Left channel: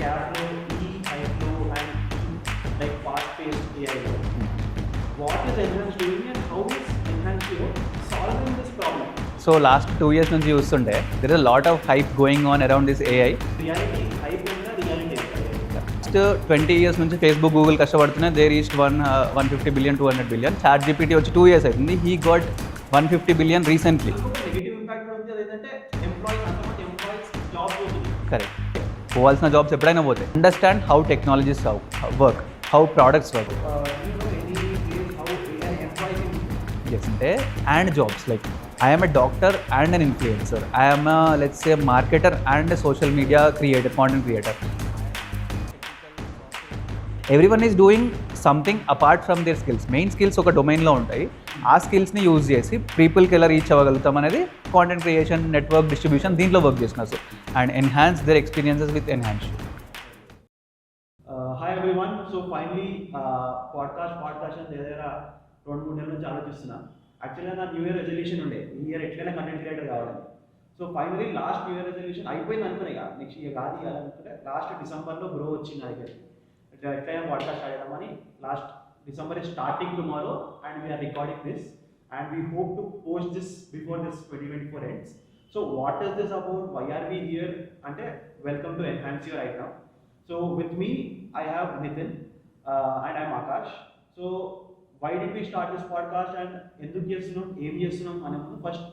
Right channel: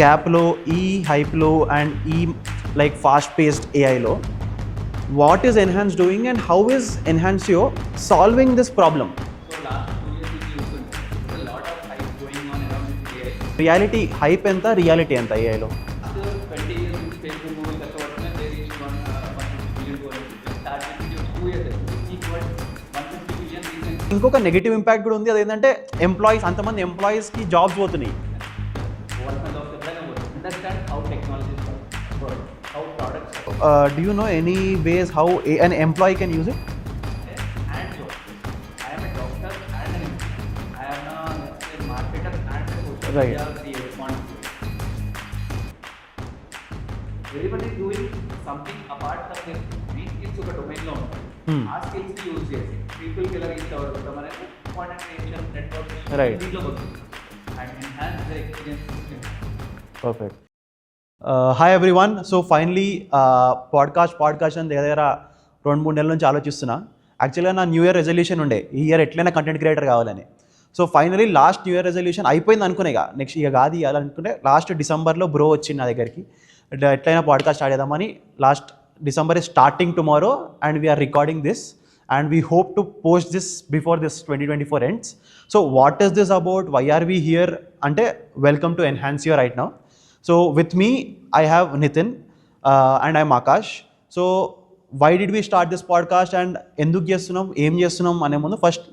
గ్యాప్లో, ఈ హైప్లో అండ్ ఈ లైక్ ఫాస్ట్ పేస్డ్ ఏఐలో what is Enhance doing and how is Enhancio solving this problem? So last 2 years నుంచి చూస్తుంటే there is lot of hype going on around this AI. Reality hype ఎంత, reality ఎంత ఏఐలో? Last 20 years నుంచి Facebook, Google కష్టపడుతున్నాయి. They reached 150 billion, 200 billion. Chat GPT వచ్చి 2 years అవుతుంది. He got 150 billion recently. ఇంకొక నెగిటివ్ ఇంపాక్ట్ కూడా ఉంది, అదేంటంటే ఎంప్లాయీస్, అంతమంది ఎంప్లాయీస్కి జాబ్స్ పోతున్నాయి. కరెక్ట్, పోవాల్సిన జాబ్స్ ఎప్పుడైనా పోతాయి. Understand how technologies work, how products work. Do you know any ways how an employee can use it? Yes, and jobs. Like I am a doctor and an influencer. I am a, let's say, a marketer and a social media creator, content creator. Everyone is doing something apart from their skills. Main skills ఒక డొమైన్లో ఉంటాయి. ఆ స్కిల్స్ని యూజ్ చేసి పీపుల్కి ఎలా రీచ్ అవ్వగలుగుతాం అనేది కాంటెంట్ క్రియేషన్, నెట్వర్క్ డిస్ట్రిబ్యూషన్, దీంట్లో వర్క్ చేస్తున్నారు. And enhance their experiences with enhance. Perfect. Hi everyone. So finally podcast అని దగ్గర 2-3 నెలల నుంచి ఆలోచిస్తున్నా. యాక్చువల్గా నా న్యూ ఇయర్ రెజల్యూషన్ ఉండే, ఈ ఇయర్ ఎట్లయినా కంటెంట్ క్రియేటర్ కావాలని. So finally last new year resolution అయిపోయింది అనుకునే, నెక్స్ట్ ఇక కాదు ఇవ్వాలనుకుంటే లాస్ట్ డిసెంబర్లో బ్రో వచ్చింది నా దగ్గరికి, ఎట్లయినా పాడ్కాస్ట్ స్టార్ట్ చేద్దామని. Last December is starting tomorrow and we're recording this and we hope to post this before this 2024 ends. So what is this about, why are we here అంటే welcome to Enhancio right now. So with me I have Nitin and I'm Akash. So why did we start this podcast and ఎందుకు చేస్తున్నాం, ఏం చేస్తున్నాం అనే ముందు first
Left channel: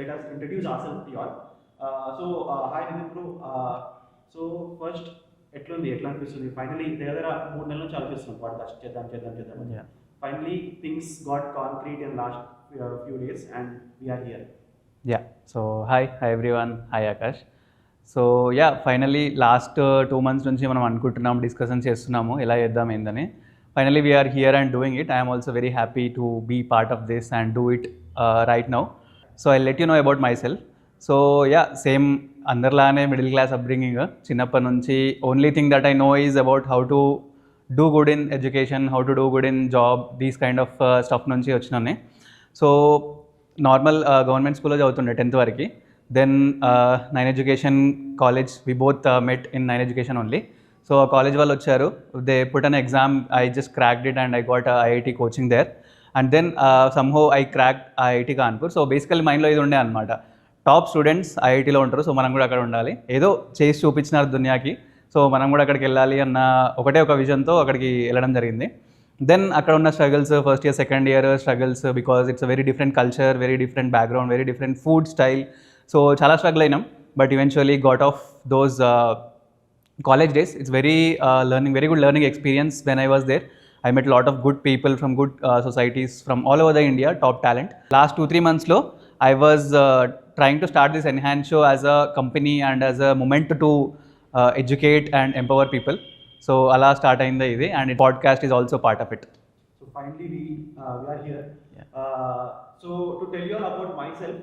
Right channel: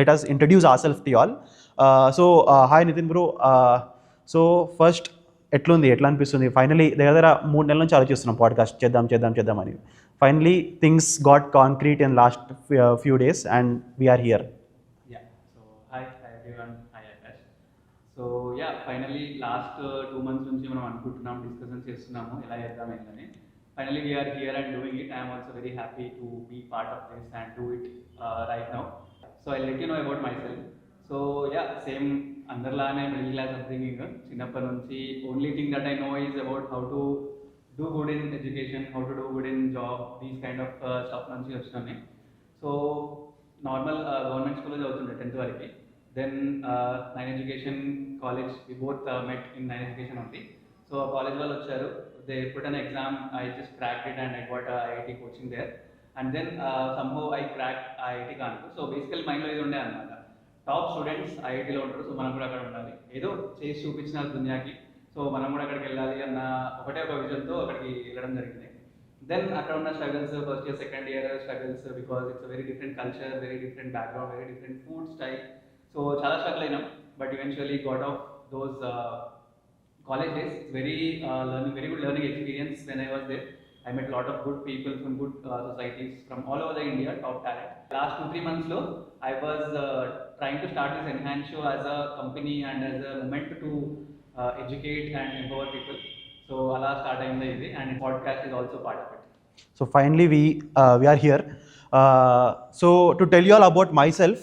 let us introduce ourselves to you all. So hi Nitin bro. So first ఎట్లా అనిపిస్తుంది? ఫైనలీ దగ్గర 3 నెలల నుంచి ఆలోచిస్తున్నాం పాడ్కాస్ట్ చేద్దాం అని. Finally things got concrete in last few days and we're here. So hi everyone, hi Akash. So finally last 2 months నుంచి మనం అనుకుంటున్నాం, డిస్కషన్ చేస్తున్నాము ఎలా చేద్దాం ఏందని. Finally, we are here and doing it. I am also very happy to be part of this and do it right now. So I'll let you know about myself. So same andarlane middle class upbringing. Chinnappa nunchi only thing that I know is about how to do good in education, how to do good in job, these kind of stuff nunchi vachinane. So normal government school lo chavutunde 10th variki. Then 9 education college, we both met in 9 education only. So college వాళ్ళు వచ్చారు, they put an exam, I just cracked it and I got IIT coaching there. And then somehow I crack IIT Kanpur. So basically మైండ్లో ఇది ఉండే అనమాట, top students ఐఐటీలో ఉంటారు, సో మనం కూడా అక్కడ ఉండాలి. ఏదో చేసి చూపించినారు దునియాకి, సో మనం కూడా అక్కడికి వెళ్ళాలి అన్న ఒకటే ఒక విజన్తో అక్కడికి వెళ్ళడం జరిగింది. దెన్ అక్కడ ఉన్న struggles, first year second year struggles, because it's a very different culture, very different background, very different food style. So చాలా స్ట్రగుల్ అయినాం, but eventually got of those college days. It's very good learning experience when I was there. I met a lot of good people from good societies from all over the India, top talent. Last 2-3 months lo I was trying to start this Enhance Show as a company and as a moment to educate and empower people. So ala start ayindi idi, and podcast is also part of it. So finally we are here. So to tell you all about myself,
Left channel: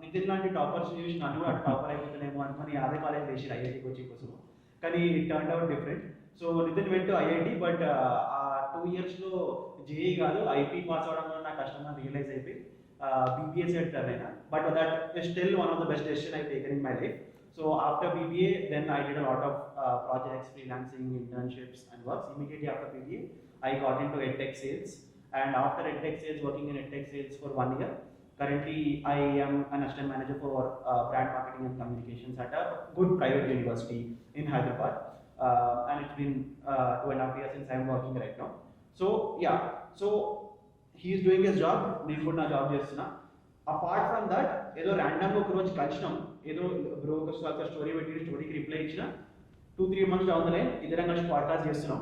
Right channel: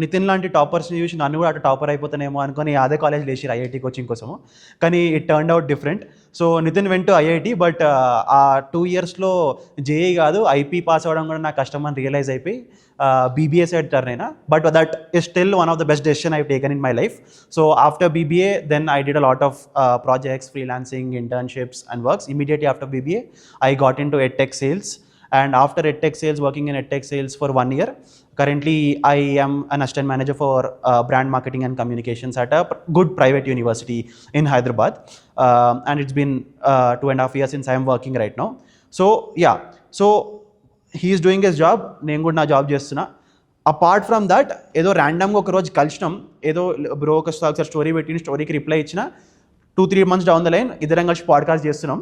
Nitin లాంటి టాపర్స్ని చూసి నన్ను కూడా అటు టాపర్ అయిపోతానేమో అనుకుని అదే కాలేజ్ లేచి ఐఐటి కోచింగ్ కోసము, కానీ it turn out different. So Nitin went to IIT, but ఆ 2 yearsలో జేఈ కాదు ఐపీ పాస్ అవ్వడం కూడా నాకు కష్టం అని రియలైజ్ అయిపోయి బీబీఏ సైడ్ టర్న్ అయినా. But that is still one of the best decision I've taken in my life. So after BBA then I did a lot of projects, freelancing, internships and works. Immediately after BBA I got into edtech sales, and after edtech sales, working in edtech sales for 1 year. Currently I am an assistant manager for brand marketing and communications at a good private university in Hyderabad, and it's been 2.5 years since I am working right now. So he is doing his job, నేను కూడా నా జాబ్ చేస్తున్నా. Apart from that ఏదో ర్యాండమ్గా ఒక రోజు కలిసినాం, ఏదో బ్రో ఒకసారి స్టోరీ పెట్టిన స్టోరీకి రిప్లై ఇచ్చిన, 2-3 months డౌన్ ద లైన్ ఇద్దరం కలిసి పాడ్కాస్ట్ చేస్తున్నాం.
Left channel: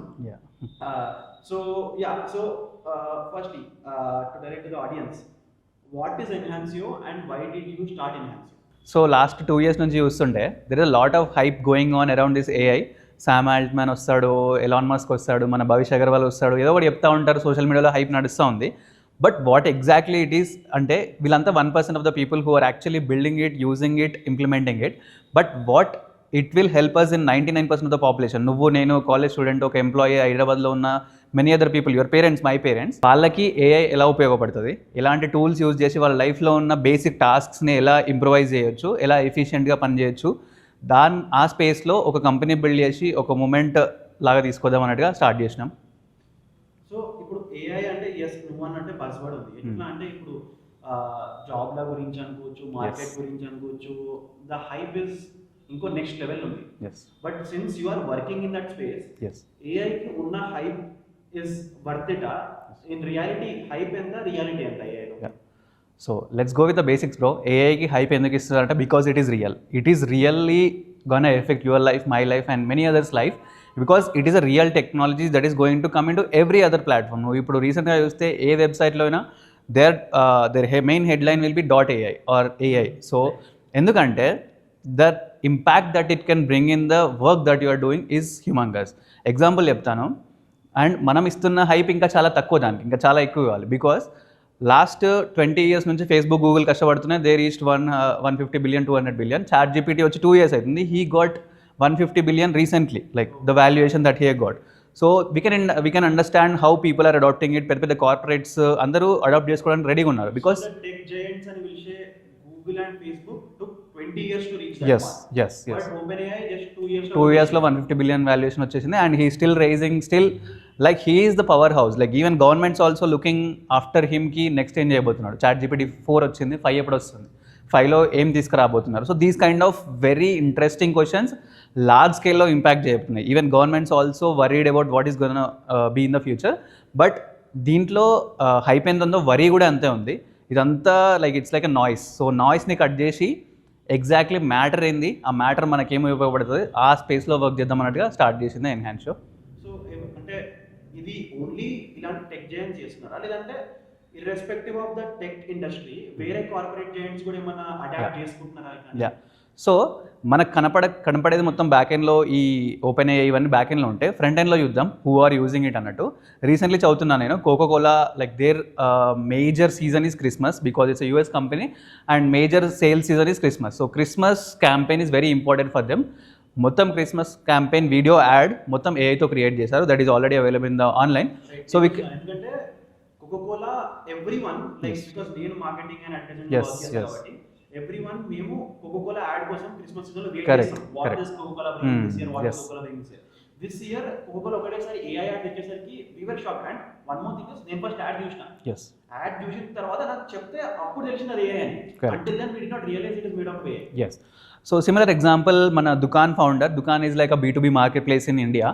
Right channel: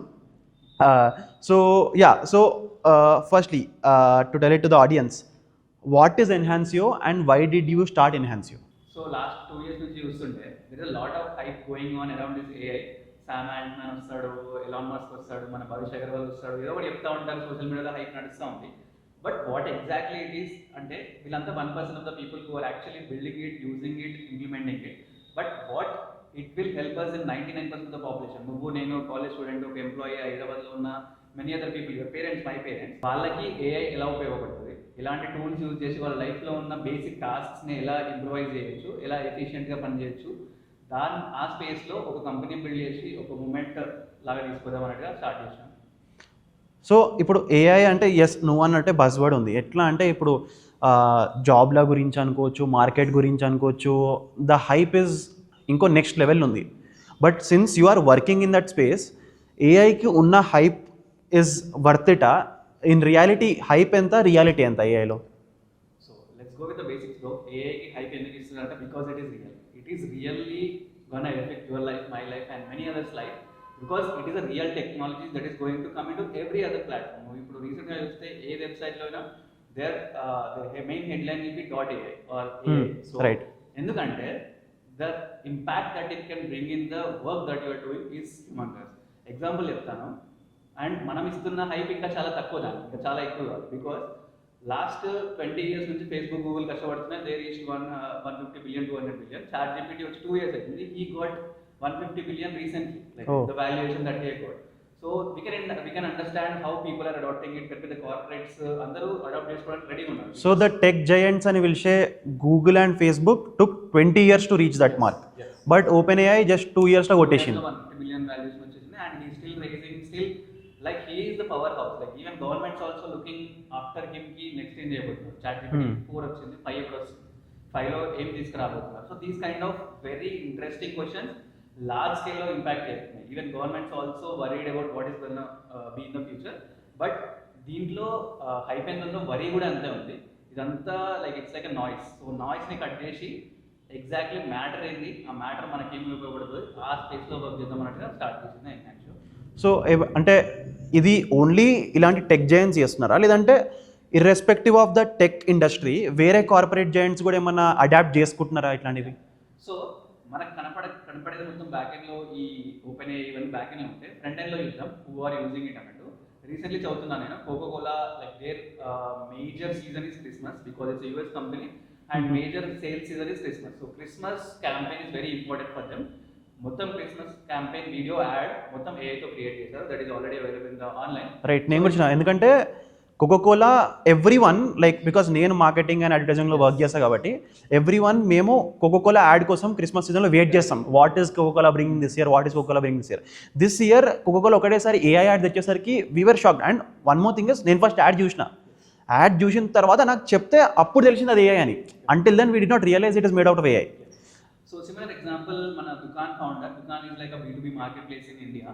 So firstly, to tell it to the audience, what is Enhansio and why did you start Enhansio? So last 2 years నుంచి చూస్తుంటే there is lot of hype going on around this AI. Sam Altman వస్తాడు, Elon Musk వస్తాడు, మన భవిష్ అగర్వాల్ వస్తాడు, ఏదో ఒకటి చెప్తా ఉంటారు, సోషల్ మీడియాలో హైప్ నడుస్తూ ఉంది. But what exactly it is అంటే వీళ్ళంతా 1% of the people who are actually building it, using it, implementing it. But what it will help us in 99% of the population. నువ్వు, నేను, కాలేజ్ స్టూడెంట్, ఒక ఎంప్లాయీ హైదరాబాద్లో ఉన్న, many other people, your parents, my parents, వాళ్ళకి AI ఎలా ఉపయోగపడుతుంది, ఎలాంటి tools use చేసి వాళ్ళ లైఫ్లో ఉన్న బేసిక్ టాస్క్స్ని ఎలా ఇంప్రూవైజ్ చేయొచ్చు, ఎలా ఎఫిషియెంట్గా పనిచేయచ్చు, ఆ స్పేస్లో ఒక కంపెనీ బిల్డ్ చేసి ఒక మూమెంట్ లాగా తీసుకొద్దాం అన్నట్టుగా స్టార్ట్ చేసినాం. సో ఇప్పుడు ఏఐ అంటే ఎస్ నువ్వు అన్నట్టే బజ్వర్డ్ ఉంది. ఎట్లా అంటే ఇప్పుడు జాబ్ల గురించి అనుకోవచ్చు, మార్కెట్ గురించి అనుకోవచ్చు, ద హైప్ ఇస్ ఇంకో నెక్స్ట్ లెవెల్ ఉంది. But since you are working in that space, ఏఐకి ఉన్న హైప్ ఇస్ వర్త్ ఇటా? ఇన్ రియాలిటీ హైప్ ఎంత, రియాలిటీ ఎంత ఏఐలో? So let's go with the basics bro. ఏఐకి హైప్ ఎందుకు ఇస్తారంటే because it is real. It is really gonna affect your life, my life and many others life, because it is a real technology that is going to come in to every other platform. నువ్వు ఇప్పుడు రీసెంట్గా చూస్తే ఏ వెబ్సైట్లో అయినా their main headline will be .ai or AI. So ఎందుకంటే the impact that it can bring in the work that you are doing is humongous. Example చెప్తాను, అండ్ మనం ఇస్తున్న హైప్ ఇంకా చాలా తక్కువ, దానికి ఇంకా చాలా ఎక్కువ ఇవ్వాలి. బికాస్ లాస్ట్ 20 years నుంచి ఫేస్బుక్, గూగుల్ కష్టపడుతున్నాయి. They reached 150 billion, 200 billion. ChatGPT వచ్చి 2 years అవుతుంది. He got 150 billion recently, like the valuation that he got. So we can understand how people are adopting it. పెద్ద కార్పొరేట్స్ అందరూ adopt చేసుకోవడానికి రెడీగా ఉన్నారు. Because the tech giants అని పిలిచే Google and Facebook took 20 years to reach that mark. But OpenAI just 2 years లో 150 billion valuation వచ్చేసింది. And he still rising, still like he is the power house. Like even governments also looking after him కి next ఏం చేయబోతున్నాడు. ChatGPT 4 వచ్చింది, 5 ఎప్పుడు వస్తుంది, 5లో ఏం తీసుకురాబోతున్నారు. So these kind of very interesting questions large స్కేల్లో ఇంపాక్ట్ చేయబోతున్నాయి. Even governments also worried about what is gonna be in the future. But దీంట్లో హైప్ ఎంత ఉందో వరీ కూడా అంతే ఉంది. ఇదంతా like it's like a noise. So నాయిస్ని కట్ చేసి ఎగ్జాక్ట్లీ మ్యాటర్ ఏంది, ఆ మ్యాటర్ మనకేమి ఉపయోగపడుతుంది, ఆ స్పేస్లో వర్క్ చేద్దాం అన్నట్టుగా స్టార్ట్ చేసింది ఎన్హాన్స్ షో. సో అంటే ఇది ఓన్లీ ఇలాంటి టెక్ జైంట్స్ చేస్తున్నారా, లేదంటే irrespective of the tech industry వేరే కార్పొరేట్ జైంట్స్ కూడా ఏమన్నా అడాప్ట్ చేసుకుంటున్నారా ఇట్లాంటివి? సో మనకు కనపడేది మొత్తం బ్యాక్ ఎండ్లో ఈ OpenAI ఇవన్నీ బ్యాక్ ఎండ్లో ఉంటే, ఫ్రంట్ ఎండ్లో చూద్దాం హూ ఆర్ యూజింగ్ ఇట్ అన్నట్టు. రీసెంట్లీ చదువుతున్నాను నేను, Coca Cola like their major season is Christmas because it's US company and major sale season is Christmas. So Christmas campaign is very important for them. మొత్తం Christmas campaign video ad మొత్తం ఏఐతో create చేశారు. That is already available in the online. Right, ఎందుకంటే Coca Cola every one like because నేను marketing and అడ్వర్టైజింగ్లో work చేస్తాను కాబట్టి every one మేము కోకోకోలా యాడ్ కోసం క్రిస్మస్ సీజన్లో వెయిట్ చేస్తాం. What is Coca Cola bringing this year, what is Coca Cola bringing this year Coca Cola ఒకటేసారి ఏఐ యాడ్ తెచ్చేసరికి we're shocked. And one more thing is, నేను ఫస్ట్ యాడ్ చూసిన, యాడ్ చూసిన తర్వాత నాకు చెప్తే అప్పుడు తెలిసింది అది ఏఐ అని. Until then we did not realize it is made out of AI. So similar example మన Dukaan founder. Dukaan is like a B2B market place in India.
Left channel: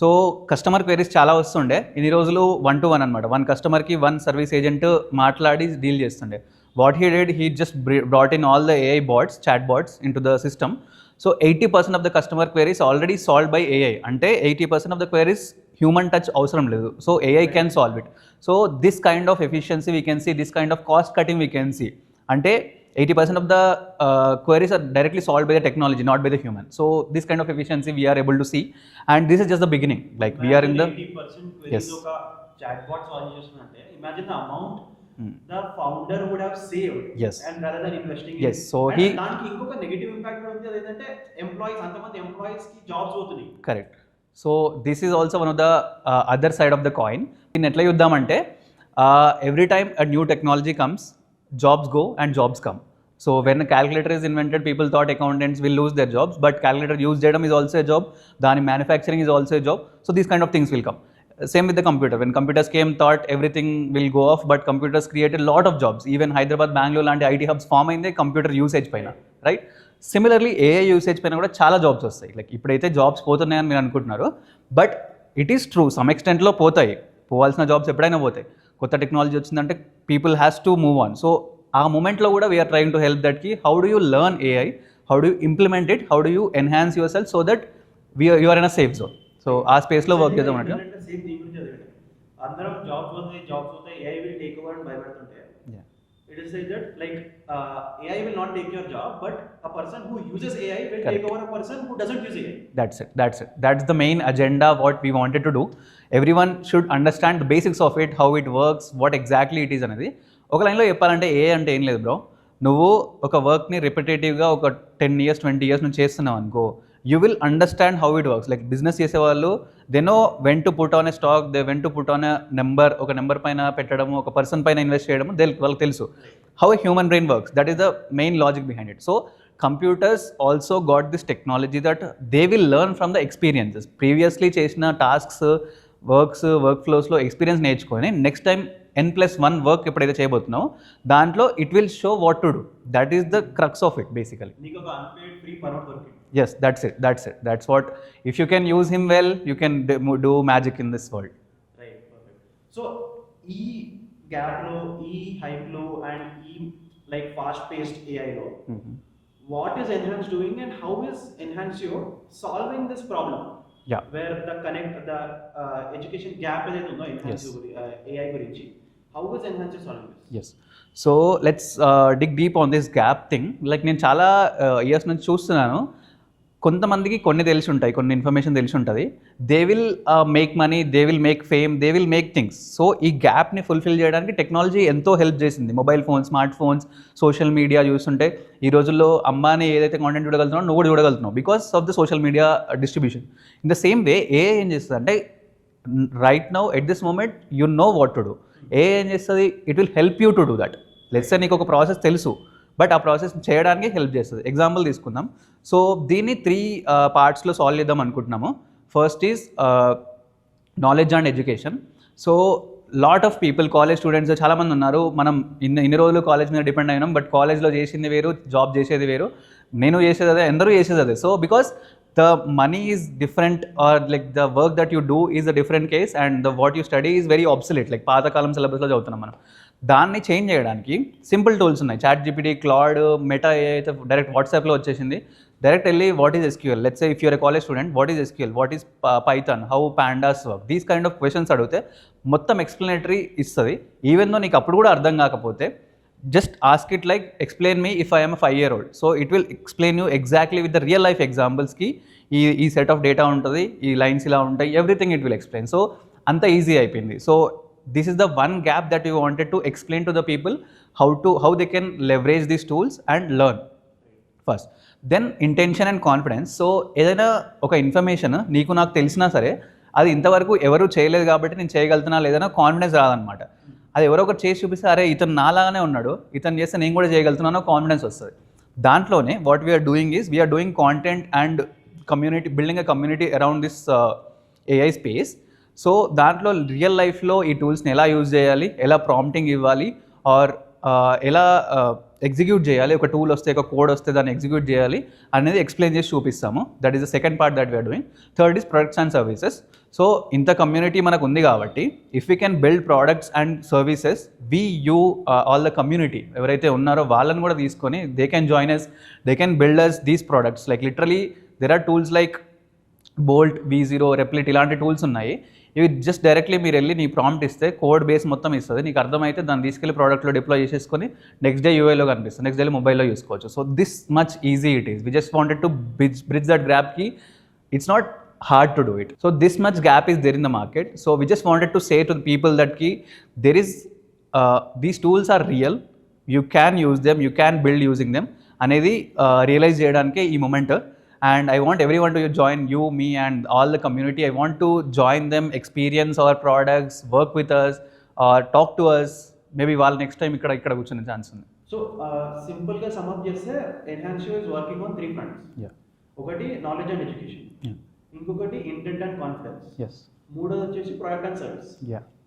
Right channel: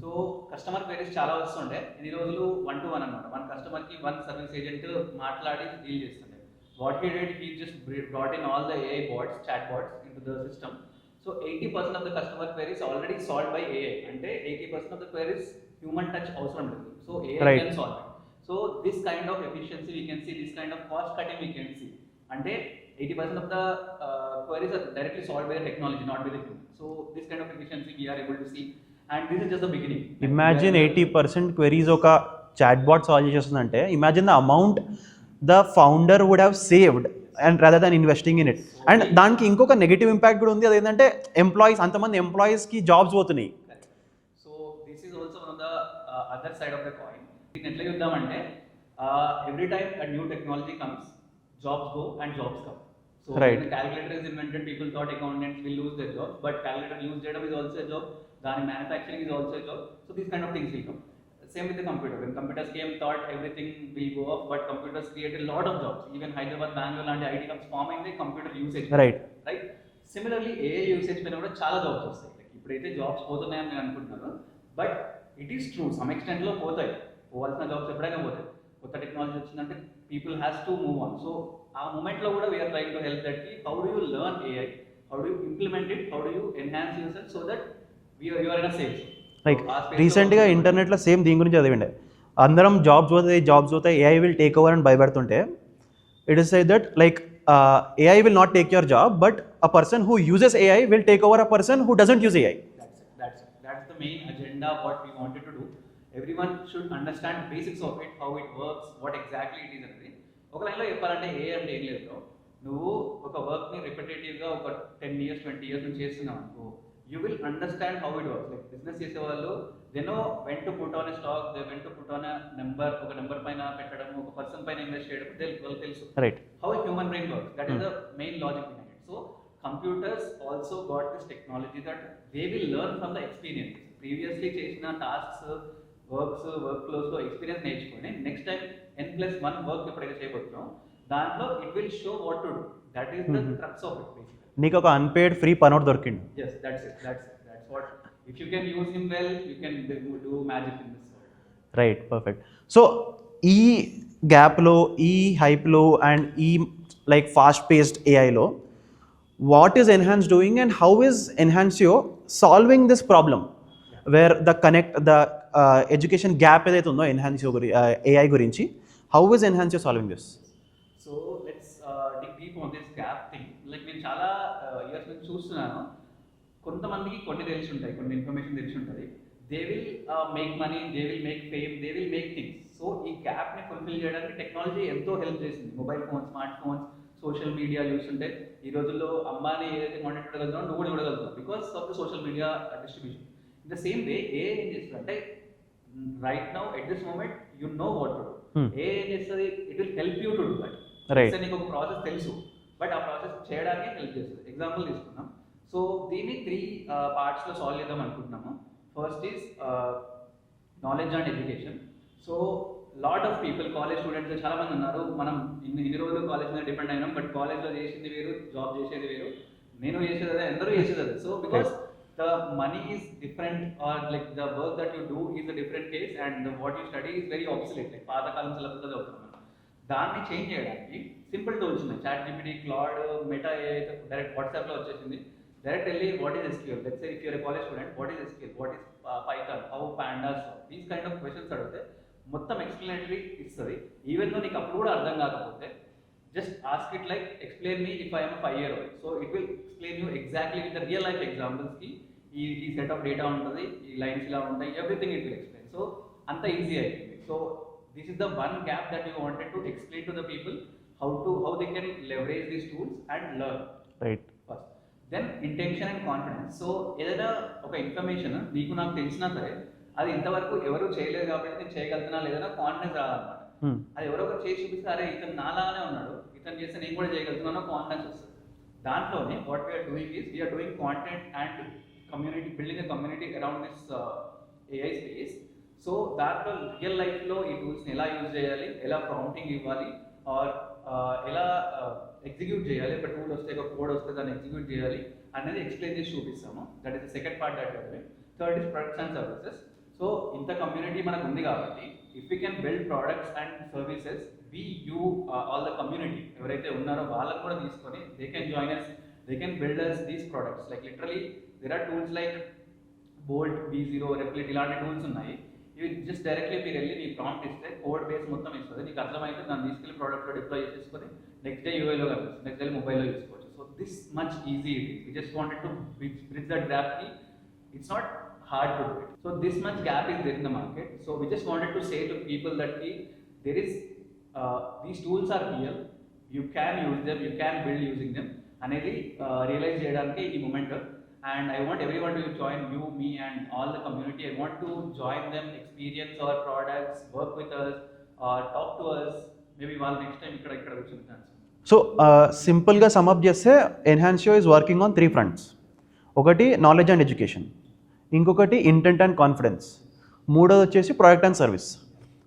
So customer queries చాలా వస్తుండే. ఇన్ని రోజులు 1-to-1 అనమాట, 1 కస్టమర్కి 1 సర్వీస్ ఏజెంట్ మాట్లాడి deal చేస్తుండే. What he did, he just brought in all the AI bots, chat bots in to the system. So 80% of the customer queries already solve by AI. అంటే 80% of the queries human touch అవసరం లేదు. So AI can solve it. So this kind of efficiency we can see, this kind of cost cutting we can see. అంటే 80% of the queries are directly solved by the technology, not by the human. So this kind of efficiency we are able to see, and this is just the beginning. Like imagine 80% queries oka chatbot solve చేస్తుందంటే imagine the amount the founder would have saved and rather than investing in it. So and దానికి ఇంకొక negative impact కూడా ఉంది, అదేంటంటే ఎంప్లాయీస్, అంతమంది ఎంప్లాయీస్కి jobs పోతున్నాయి. Correct. So this is also one of the other side of the coin. దీన్ని ఎట్లా చూద్దామంటే, every time a new technology comes, jobs go and jobs come. So when a calculator is invented, people thought accountants will lose their jobs, but calculator use చేయడం is also a job. Then manufacturing is also a job. So these kind of things will come. Same with the computer. When computers came, thought everything will go off, but computers created a lot of jobs. Even Hyderabad, Bangalore లాంటి IT hubs form అయింది computer usage పైన. Right? Similarly, AI usage పైన కూడా చాలా జాబ్స్ వస్తాయి. లైక్ ఇప్పుడైతే జాబ్స్ పోతున్నాయని మీరు అనుకుంటున్నారు, but it is true, some ఎక్స్టెంట్లో పోతాయి. పోవాల్సిన జాబ్స్ ఎప్పుడైనా పోతాయి. కొత్త టెక్నాలజీ వచ్చిందంటే people has to move on. So ఆ మూమెంట్లో కూడా we're trying to help that కి how do you learn AI, how do you implement it, how do you enhance yourself so that you are in a safe zone. So ఆ స్పేస్లో ఇంటర్నెట్లో సేమ్ దీని గురించి చదివిండే, అందరం జాబ్స్ పోతాయి, AI విల్ టేక్ ఓవర్ అని భయపడుతుంటే, it is say that like AI will not take your job, but a person who uses AI will take over a person who doesn't use AI. That's it. That's the main agenda what we wanted to do. Everyone should understand the basics of it, how it works, what exactly it is అనేది. ఒక లైన్లో చెప్పాలంటే AI అంటే ఏం లేదు బ్రో, నువ్వు ఒక వర్క్ని రిపిటేటివ్గా ఒక 10 years 20 years నుంచి చేస్తున్నావు అనుకో, you will understand how it works. Like business చేసేవాళ్ళు they know when to put on a stock, they when to put on a number, ఒక నెంబర్ పైన పెట్టడము, ఒక పర్సన్ పైన ఇన్వెస్ట్ చేయడము, వాళ్ళకి తెలుసు. Right, how a human brain works, that is the main logic behind it. So computers also got this technology that they will learn from the experiences. Previously చేసిన tasks, workflows లో experience నేర్చుకొని next time N+1 work ఎప్పుడైతే చేయబోతున్నావు దాంట్లో it will show what to do. That is the crux of it basically. నీకు ఒక unpaid free పనోట్ దొరికింది. Yes, that's what. If you can use him well you can do magic in this world. Right, perfect. So ఈ గ్యాప్లో, ఈ హైప్లో and ఈ like fast paced ఏఐలో what is Enhance doing and how is Enhancio solving this problem where the education gap ఏదైతే ఉందో Enhancio AI గురించి, how is Enhancio solving this? Yes, so let's dig deep on this gap thing. Like నేను చాలా ఇయర్స్ నుంచి చూస్తున్నాను, కొంతమందికి కొన్ని తెలిసి ఉంటాయి, కొన్ని ఇన్ఫర్మేషన్ తెలిసి ఉంటుంది. They will make money, they will make fame, they will make things. So ఈ గ్యాప్ని ఫుల్ఫిల్ చేయడానికి టెక్నాలజీ ఎంతో హెల్ప్ చేసింది. Mobile phones, smart phones, social media చూస్తుంటే ఈ రోజుల్లో అంబానీ ఏదైతే కాంటెంట్ చూడగలుగుతున్నావు నువ్వు కూడా చూడగలుగుతున్నావు because of the social media distribution. In the same way AI ఏం చేస్తుంది అంటే right now at this moment you know what to do. AI ఏం చేస్తుంది, it will help you to do that. నీకు ఒక ప్రాసెస్ తెలుసు బట్ ఆ ప్రాసెస్ చేయడానికి హెల్ప్ చేస్తుంది. ఎగ్జాంపుల్ తీసుకుందాం. సో దీన్ని 3 పార్ట్స్లో సాల్వ్ చేద్దాం అనుకుంటున్నాము. First is knowledge and education. So lot of people, college students చాలామంది ఉన్నారు. మనం ఇన్ని రోజులు కాలేజ్ మీద డిపెండ్ అయినాం, బట్ కాలేజ్లో చేసింది వేరు, జాబ్ చేసేది వేరు, నేను చేసేది అదే, అందరూ చేసేది అదే. So because the money is different or like the work that you do is a different case and the what you study is very obsolete. like పాతకాలం సిలబస్లో చదువుతున్నాం మనం. దాన్ని చేంజ్ చేయడానికి సింపుల్ టూల్స్ ఉన్నాయి. చాట్ జీపీటీ, క్లాడ్, మెటా అయితే డైరెక్ట్ వాట్సాప్లో వచ్చేసింది. డైరెక్ట్ వెళ్ళి what is SQL, let's say if you're a college student, what is SQL, what is Python, how pandas work, these kind of questions అడిగితే మొత్తం ఎక్స్ప్లెనేటరీ ఇస్తుంది. ఈవెన్ దో నీకు అప్పుడు కూడా అర్థం కాకపోతే just ask it like explain me if I am a 5-year-old. so it will explain you exactly with the real life examples ki ఈ set of data ఉంటుంది, ఈ లైన్స్ ఇలా ఉంటాయి, everything it will explain. So అంత easy అయిపోయింది. So this is the one gap that you wanted to explain to the people how they can leverage these tools and learn. Right, first. Then intention and confidence. So ఏదైనా ఒక ఇన్ఫర్మేషన్ నీకు నాకు తెలిసినా సరే అది ఇంతవరకు ఎవరు చేయలేదు కాబట్టి నేను చేయగలుగుతున్నా లేదన్నా కాన్ఫిడెన్స్ రాదనమాట. అది ఎవరో ఒకటి చేసి చూపిస్తే అరే ఇతను నాలాగానే ఉన్నాడు, ఇతను చేస్తే నేను కూడా చేయగలుగుతున్నానో కాన్ఫిడెన్స్ వస్తుంది. దాంట్లోనే what we're doing is we're doing content and community, building a community around this AI space. So దాంట్లో రియల్ లైఫ్లో ఈ టూల్స్ని ఎలా యూజ్ చేయాలి, ఎలా ప్రాంప్టింగ్ ఇవ్వాలి, ఆర్ ఎలా ఎగ్జిక్యూట్ చేయాలి, ఒక టూల్ వస్తే, ఒక కోడ్ వస్తే దాన్ని ఎగ్జిక్యూట్ చేయాలి అనేది ఎక్స్ప్లెయిన్ చేసి చూపిస్తాము. That is the second part that we're doing. Third is products and services. So ఇంత కమ్యూనిటీ మనకు ఉంది కాబట్టి if we can build products and services, all the community ఎవరైతే ఉన్నారో వాళ్ళని కూడా తీసుకొని they can join us, they can build us these products. Like literally there are tools like Bolt, V0, Replit, ఇలాంటి టూల్స్ ఉన్నాయి. ఇవి జస్ట్ డైరెక్ట్లీ మీరు వెళ్ళి నీ ప్రాంప్ట్ ఇస్తే కోడ్ బేస్ మొత్తం ఇస్తుంది, నీకు అర్థమైతే దాన్ని తీసుకెళ్ళి ప్రోడక్ట్లో డిప్లాయ్ చేసేసుకొని నెక్స్ట్ డే యూఐలో కనిపిస్తుంది, నెక్స్ట్ డే మొబైల్లో చూసుకోవచ్చు. So this much easy it is. We just wanted to bridge that gap కి it's not hard to do it. So this much gap is there in the market. So we just wanted to say to the people that there is these tools are real, you can use them, you can build using them అనేది రియలైజ్ చేయడానికి ఈ moment. And I want everyone to join, you, me and all the community. I want to join them, experience our products, work with us or talk to us. Maybe వాళ్ళు next time ఇక్కడ కూర్చునే ఛాన్స్ ఉంది. సో సింపుల్గా సమప్ చేస్తే ఎన్హాన్సియో is working on 3 fronts. ఒకటి knowledge and education, ఇంకొకటి intent and confidence, మూడోది వచ్చేసి product and service.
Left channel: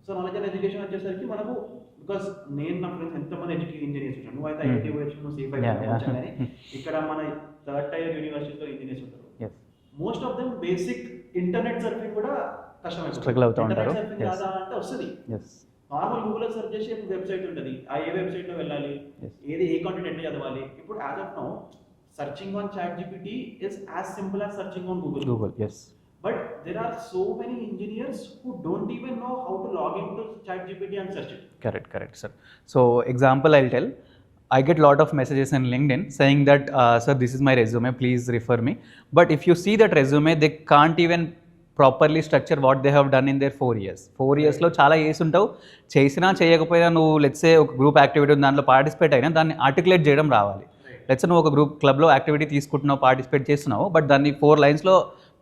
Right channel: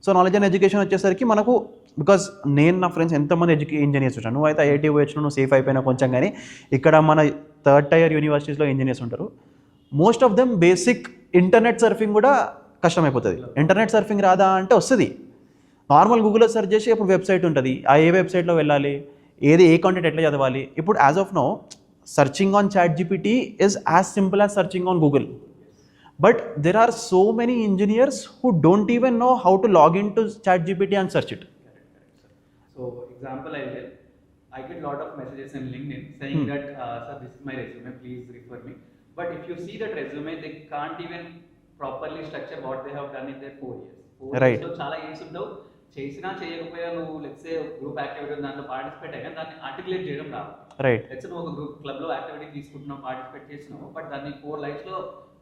So knowledge and education వచ్చేసరికి మనకు, బికాస్ నేను నా ఫ్రెండ్స్ ఎంతమంది ఇంజనీర్స్ ఉంటాను, నువ్వు అయితే ఐఐటీ వచ్చిన నువ్వు సేఫ్ అయిపోయినా కొంచెం, కానీ ఇక్కడ మన 3rd tier యూనివర్సిటీస్లో ఇంజనీర్స్ ఉంటారు. Most of them basic internet surfing కూడా కష్టమైపోతుంది. ఇంటర్నెట్ సర్ఫింగ్ రాదా అంటే వస్తుంది, నార్మల్ గూగుల్లో సెర్చ్ చేసి ఇప్పుడు వెబ్సైట్ ఉంటుంది, ఆ ఏ వెబ్సైట్లో వెళ్ళాలి, ఏ కాంటెంట్ ఎట్లా చదవాలి. ఇప్పుడు as of now searching on ChatGPT is as simple as searching on Google. Yes. But there are so many engineers who don't even know how to log into ChatGPT and search it. Correct, sir. So example I'll tell. I get lot of messages in LinkedIn saying that, sir, this is my resume, please refer me. But if you see that resume, they can't even properly structure what they have done in there 4 years. 4 yearsలో చాలా చేసి ఉంటావు, చేసినా చేయకపోయినా నువ్వు లెట్సే ఒక group activity దాంట్లో పార్టిసిపేట్ అయినా దాన్ని ఆర్టికులేట్ చేయడం రావాలి. రైట్, లెట్సే నువ్వు ఒక గ్రూప్ క్లబ్లో యాక్టివిటీ తీసుకుంటున్నావు, పార్టిసిపేట్ చేస్తున్నావు, బట్ దాన్ని 4 linesలో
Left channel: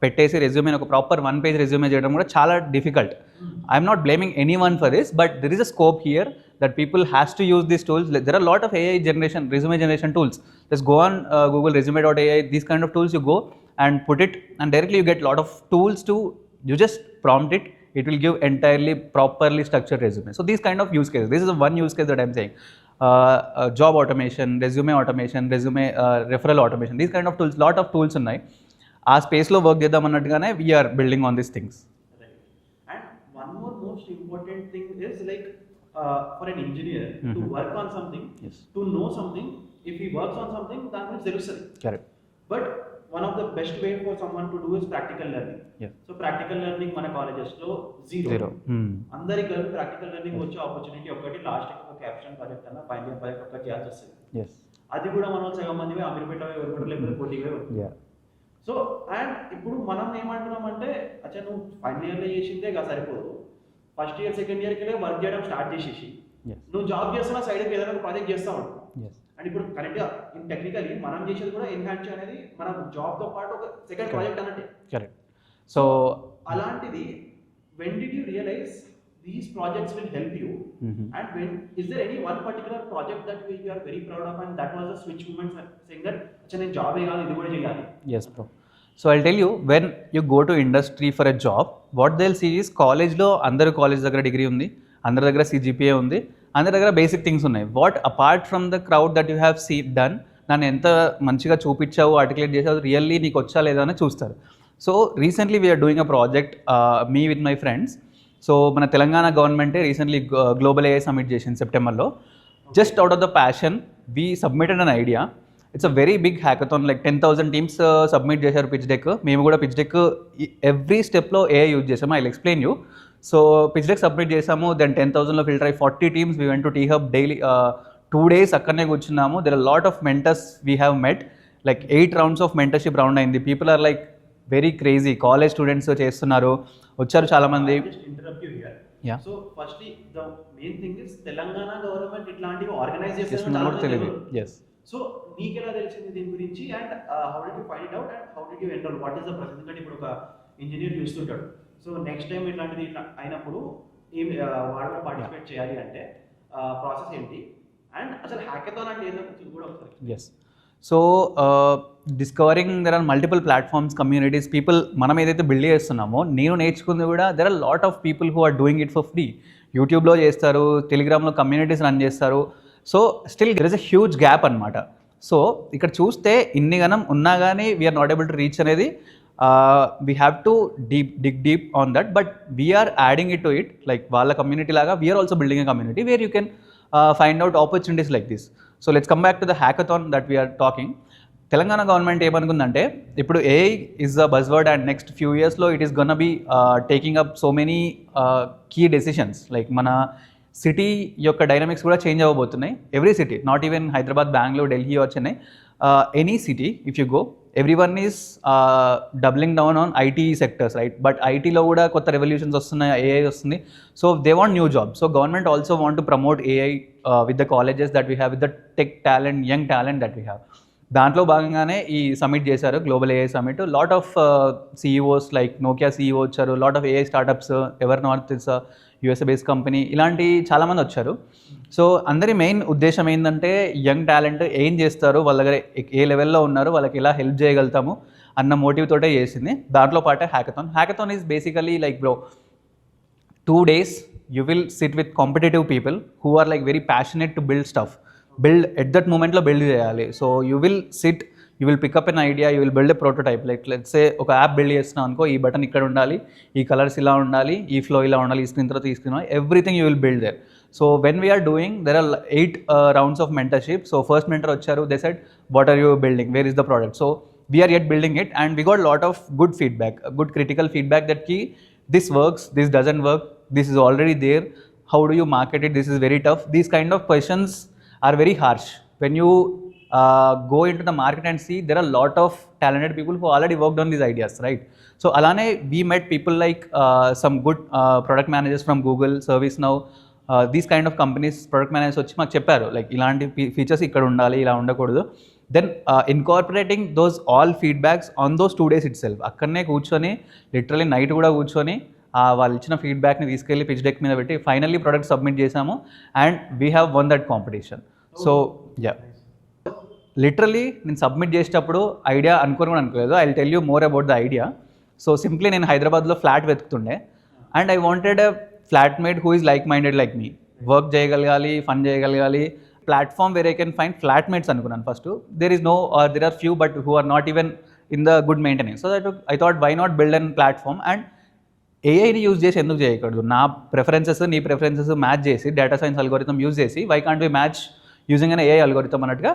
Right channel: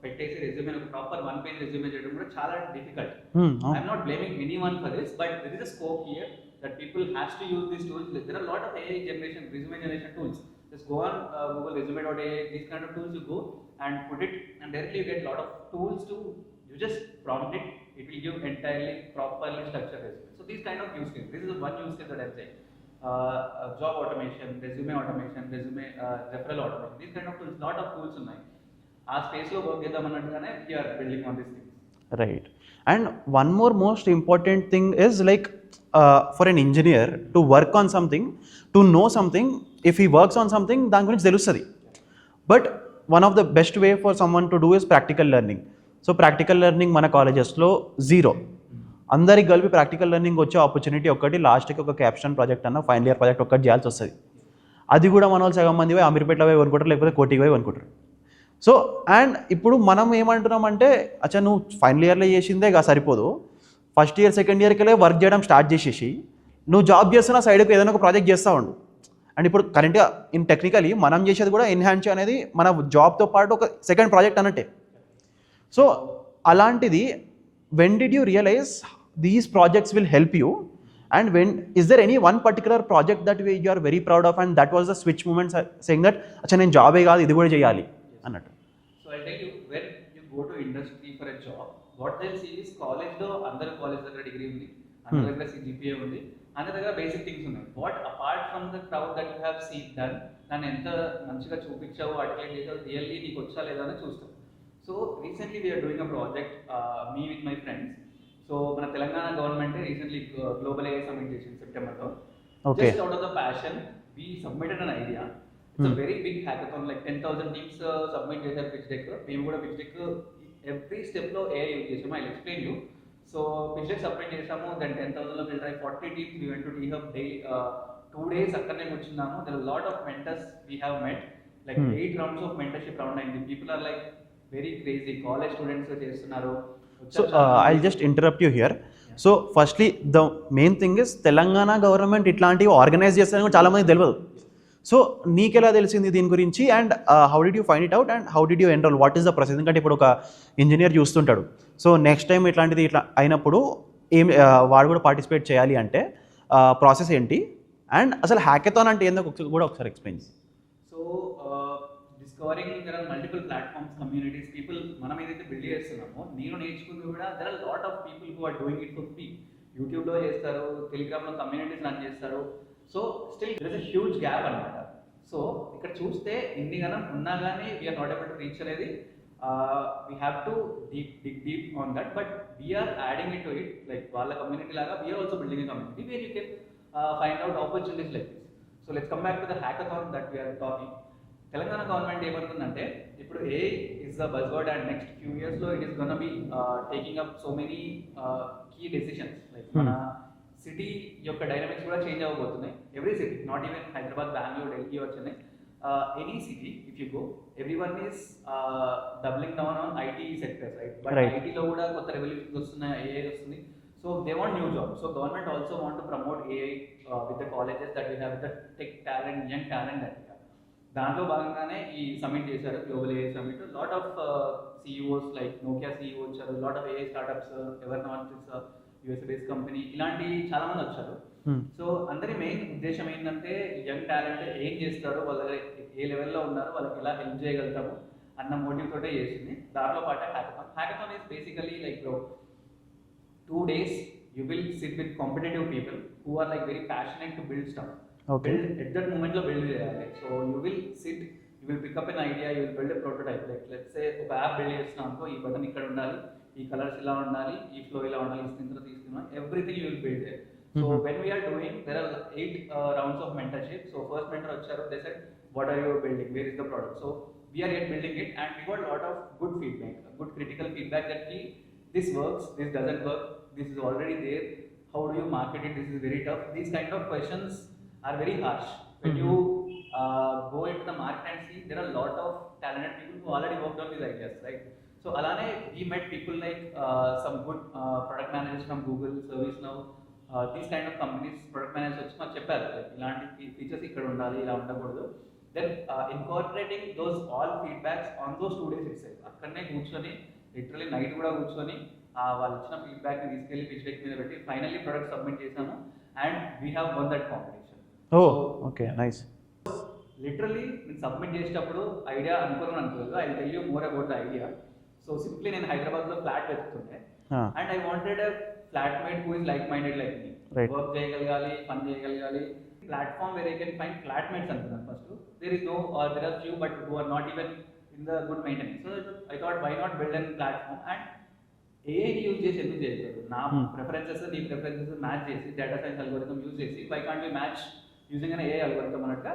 పెట్టేసి రెజ్యూమే ఒక ప్రాపర్ 1 page రెజ్యూమే చేయడం కూడా చాలా difficult. I'm not blaming any one for this, but there is a scope here that people has to use these tools. There are a lot of AI generation, resume generation tools. Just go on Google resume.ai, these kind of tools, you go and put it, and directly you get a lot of tools to, you just prompt it, it will give entirely properly structured resume. So these kind of use cases, this is one use case that I'm saying. Job automation, resume referral automation, these kind of tools, lot of tools ఉన్నాయి. ఆ స్పేస్లో work చేద్దాం అన్నట్టుగానే we're building on these things. Right. And one more most important thing is like for an engineer to work on something, to know something, if he works on something, దాని గురించి తెలుస్తుంది. Correct. But one of the best way for someone to do is practical learning. So practical learning మన కాలేజెస్లో జీరో. అందరికి కలిపి practical learning వచ్చే ఆపర్చునిటీ ఒకటి, లాస్ట్కి ఒక క్యాప్షన్ ప్రాజెక్ట్ అన్న ఫైనల్ ఇయర్ ప్రాజెక్ట్ ఒక్కటి చేయాల్సి వస్తుంది. అది కూడా మన వాళ్ళు సగం మంది పోయి అమీర్పేటలో పోయి అనుకుంటారు, లేకపోతే కోటికి పోయి అనుకుంటారు. సో అండ్ ఇప్పుడు మనం ఏమంటున్నాం అంటే, అచ్చా నువ్వు ఫైనల్ ఇయర్లో చేసిందే సరిపోదు, ఫస్ట్ ఇయర్ సెకండ్ ఇయర్కి వర్క్ చేయడం స్టార్ట్ చేసేసి నువ్వు జాబ్ చేస్తున్న సైడ్కి ఏదైనా ఒక ప్రాజెక్ట్ చేస్తూ ఉండు. అండ్ ఇప్పుడు కరెంట్గా ఇన్ టెక్నికలీ మనం చేసేది కూడా ఎన్హాన్స్ అనేది మన జాబ్తో పాటు ఒక సెకండ్ ప్రాజెక్ట్ అన్నట్టే. కరెక్ట్. సో అలాంటిది when did you realise these projects will help you, and when is there any one particular project that you are very proud of and that was the switch moment saying that acha nen job e gaadu idi kuda cheyali? Yes, so I'll tell you, when you go to industry for a job, what they'll see is college lo andaru college daggara degree undi, andaru daggara CGPA undi, andaru daggara basic things unnai. What apart from the crowd that you have done, nanu enta manchiga చూపించావు, articulate చేసావు, really నీకు వచ్చా లేదా అని చూస్తారు. So recently we're doing a project, me with my friends. So మన తెలంగాణ గవర్నమెంటే recently global AI submit చేసింది సెప్టెంబర్లో. Just out of the passion we submitted an idea. It's a very big hackathon, like 10,000 teams submit చేశారు pitch deck. మేము కూడా pitch deck every స్టెప్లో AI use చేసాము. I explain you. So pitch deck submit చేసాము, then 10,000లో filter అయ్యి 40 teams we went to T Hub daily 2 days అక్కడనే కూర్చున్నాము. There are lot of mentors we have met, like 8 rounds of mentorship round అయింది. People are like very crazy, college students చేస్తున్నారు, వచ్చారు చాలా మంది. I just interrupt you here. So firstly the main thing is Telangana government ఇట్లాంటివి organise చేస్తారని చాలా మంది తెలియదు. సో నీకెలా తెలిసింది దీని గురించి, and how did you find it out, and how did you enrol, what is the process? ఎందుకంటే ఇప్పుడు ఒక ఇంజనీర్ చూస్తుంటాడు, సో నెక్స్ట్ టైం ఇట్లాంటిది ఇట్లా అయినప్పుడు వాడు కూడా పార్టిసిపేట్ చేయాలి అంటే ప్రాసెస్ ఏంటి, అండ్ అసలు హ్యాకథాన్ అంటే ఏందో కూడా ఒకసారి explain. So discovering, there are multiple platforms, communities, people. మనం ఏదైతే బిల్డ్ చేస్తున్నామో, నేను నేర్చుకుంది కూడా, there are lot of people who are doing it for free. యూట్యూబ్లో చేస్తారు, టెలిగ్రామ్లో కమ్యూనిటీస్ రన్ చేస్తారు. So still there is a huge gap అనమాట. సో ఇక్కడ చూస్తే ఇన్ని గనం ఉన్నా కానీ we're not able to reach అనేది, we have to dig deep on that, but we're adding it to it. Like వాళ్ళ కమ్యూనిటీ లాగా we are also building a community where you can find out opportunities like this. So let's come back to the hackathon that we are talking. Telangana government ఏమనుకుందంటే, ఇప్పుడు AI is the buzzword, and next few ఇయర్స్లో it is gonna be taking up so many key decisions. Like మన city యొక్క dynamics కూడా change అవ్వబోతున్నాయి. Every city, not even Hyderabad, Bengaluru, Delhi or Chennai, any city if you go, every one is doubling down on IT sectors, right? But ఐటీలో కూడా కొత్త రెవల్యూషన్స్ వస్తున్నాయి, AI వస్తుంది. So they want new job. So government also want to promote AI with the colleges that we have, with the tech talent, young talent that we have. దాంట్లో భాగంగానే ఈ సమిట్ చేశారు, global AI summit. Lot of CEOs like Nokia CEO వచ్చారు, lot of AI startups, ever north is USA based company, ఇలాంటి చాలామంది వచ్చారు. సో అందరి మెయిన్ ఉద్దేశం ఏంటంటే, యంగ్ టాలెంట్ ఏం చేస్తారు, వాళ్ళ దగ్గర ఏ లెవెల్లో ఉన్నారు, వాళ్ళకి ఎలా హెల్ప్ చేయగలుగుతాము అన్న మోటివ్ తోటే చేసింది. దాంట్లో పాటే hackathon. Hackathon is basically like, bro, 2 days you will sit with competitive people who are like very passionate to build stuff. Build at that moment lo build cheyali. So you will sit, you will pick up an idea, you will build a prototype. Like let's say oka app build chestunna anko, ee button ikkada undali, ee colors ila undali, ee flow ila undali, ee screen tarvata ee screen, everything you will build there. So when we are doing, there are 8 rounds of mentorship. So first mentor vacharu, they said, what are you building, where is the product? So we are yet building it, and we got a lot of good feedback, good critical feedback that ki this works, this doesn't work, this is already there, how do you market it, this is very tough. These kind of questions are very harsh. When you go into the market and see, there are a lot of talented people who already worked on these ideas, right? So alane we met people like some good product managers from Google, ServiceNow, these kind of companies, product managers వచ్చి మాకు చెప్పారు, లైక్ ఇలాంటి ఫీచర్స్ ఇక్కడ ఉండాలి, ఇలా ఉండకూడదు. Then incorporating those all feedbacks on those 2 days itself. అక్కడనే కూర్చొని లిటరలీ నైట్ కూడా కూర్చొని వాళ్ళు ఇచ్చిన ఫీడ్బ్యాక్ని తీసుకెళ్ళి పిచ్ డెక్ మీద పెట్టి ఫైనల్లీ ప్రోడక్ట్ సబ్మిట్ చేసాము and we have won that competition. So nice. Literally నేను సబ్మిట్ చేసేటప్పుడు ఐడియా అనుకోని కూడా అనుకోలేదు. I will tell you more about the idea. So simply నేను హైదరాబాద్లో ఫ్లాట్ వెతుకుతుండే and I wanted a flatmate who is like minded like me. Work చేయగలగాలి, fun చేయగలగాలి, platform where I can find flatmates అనుకున్నాను first. There is no or there are few but who are not even in the good maintenance. So that I thought why not build an platform and ఏఐని use చేసి ఎందుకు చేయకూడదు? నా preferences నీ preferences match చేసి data science algorithm use చేసి why can't be match using an AI algorithm అన్నట్టుగా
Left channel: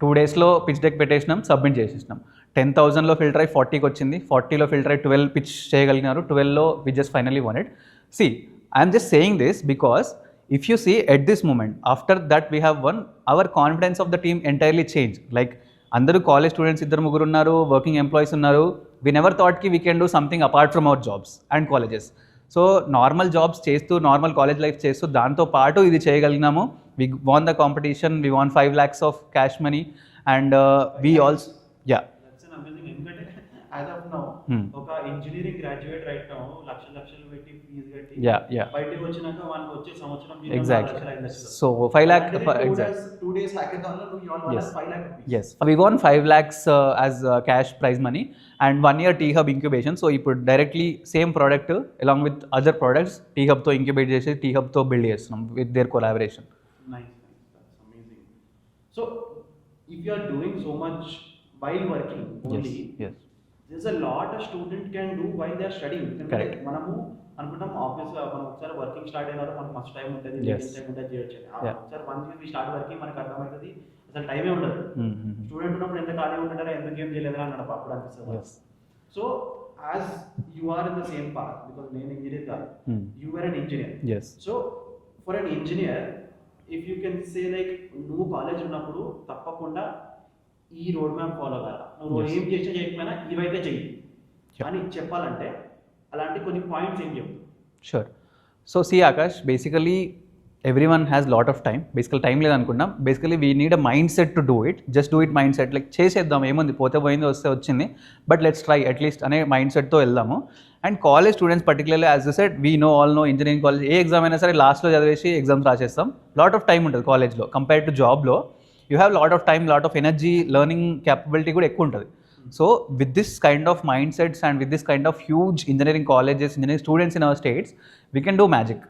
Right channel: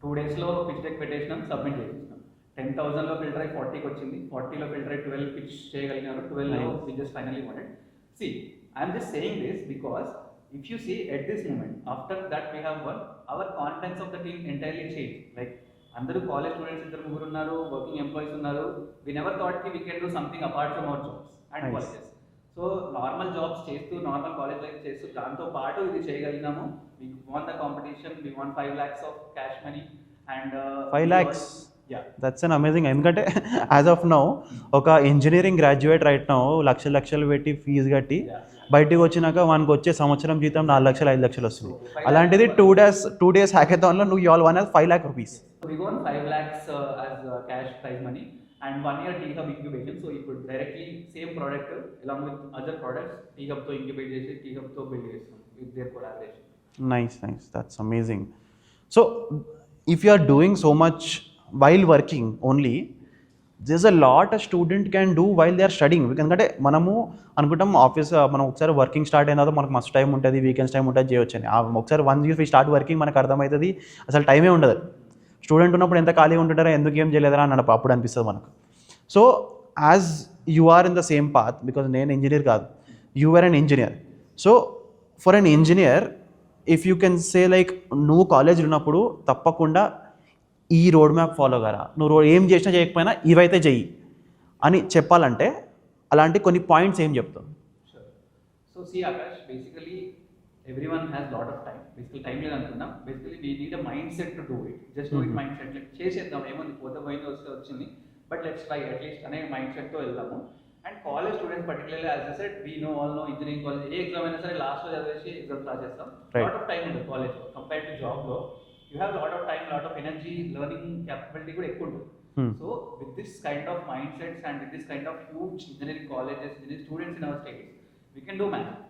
2 daysలో పిచ్ డెక్ పెట్టేసినాం, సబ్మిట్ చేసేసినాం. 10,000లో ఫిల్టర్ అయ్యి 40కి వచ్చింది, 40లో ఫిల్టర్ అయ్యి 12 పిచ్ చేయగలిగినారు, 12లో we just finally won it. See I'm just saying this because if you see at this moment after that we have won, our confidence of the team entirely changed. Like అందరూ college students 2-3 ఉన్నారు, working employees ఉన్నారు. We never thought కి we can do something apart from our jobs and colleges. So normal jobs చేస్తూ normal college life చేస్తూ దాంతో పాటు ఇది చేయగలిగినాము. We won the competition, we won 5 lakhs of cash money and we also that's an amazing. ఎందుకంటే as of now ఒక engineering graduate right now లక్షలు పెట్టి ఫీజు కట్టి బయటికి వచ్చినాక వానికి వచ్చే సంవత్సరం జీతం 4 లక్షలు 5 లక్షలు. సో అలాంటిది 2 days హ్యాకథాన్ లో నువ్వు you all one as 5 lakh rupees. Yes, we won 5 lakhs as cash prize money and 1 year T-Hub incubation. So ఇప్పుడు directly same product along with other products T-Hub తో ఇంక్యుబేట్ చేసి T-Hub తో బిల్డ్ చేస్తున్నాం with their collaboration. Nice, that's amazing. So if you are doing so much while working only, yes, there's a lot a student can do while they are studying. ఎందుకంటే మనము అనుకుంటాం ఆఫీస్ మనం ఒకసారి working start అయిన తర్వాత మనకు మస్తు టైం ఉంటుంది, వీకెండ్స్ టైం ఉంటుంది చేయొచ్చు అని. ఒకసారి వన్స్ యూ స్టార్ట్ వర్కింగ్ మనకు అర్థమవుతుంది అసలు టైమే ఉండదు. స్టూడెంట్ ఉన్నప్పుడు ఎంత ఖాళీ ఉంటుంటారో ఎందుకు ఏం చేయలేదరా అని అప్పుడు అనిపిస్తుంది మనకు. So as you are in the same path, because నేను ఇంజనీర్ కాదు, you are an engineer. So for an engineer if you can say like నువ్వు కాలేజ్ ఉన్నప్పుడు తప్పకుండా ఈ రోడ్ మ్యాప్ ఫాలో కారా, నువ్వు ఏం చేసినా చేయకపోయినా ఇవైతే చెయ్యి అని చెప్పాలంటే అలాంటి కొన్ని పాయింట్స్ ఏం చెప్తావు? Sure. So see Akash, basically every one has lot of time. Basical time లేదనుకున్నాం. Basically we need a mindset to do it. Just do it mindset, like చేసేద్దాం, ఏముంది పోతే పోయింది, వస్తే వచ్చింది, బట్ లెట్స్ ట్రై అట్లీస్ట్ అనే mind సెట్తో వెళ్దాము. And college students particularly as you said we know all know engineering college ఏ ఎగ్జామ్ అయినా సరే లాస్ట్లో చదివేసి ఎగ్జామ్స్ రాసేస్తాం. లాట్ ఆఫ్ టైం ఉంటుంది కాలేజ్లో కంపేర్ టు జాబ్లో. You have lot of time, lot of energy, learning capability కూడా ఎక్కువ ఉంటుంది. So with this kind of mind sets and with this kind of huge engineering colleges, engineering students in our states, we can do magic.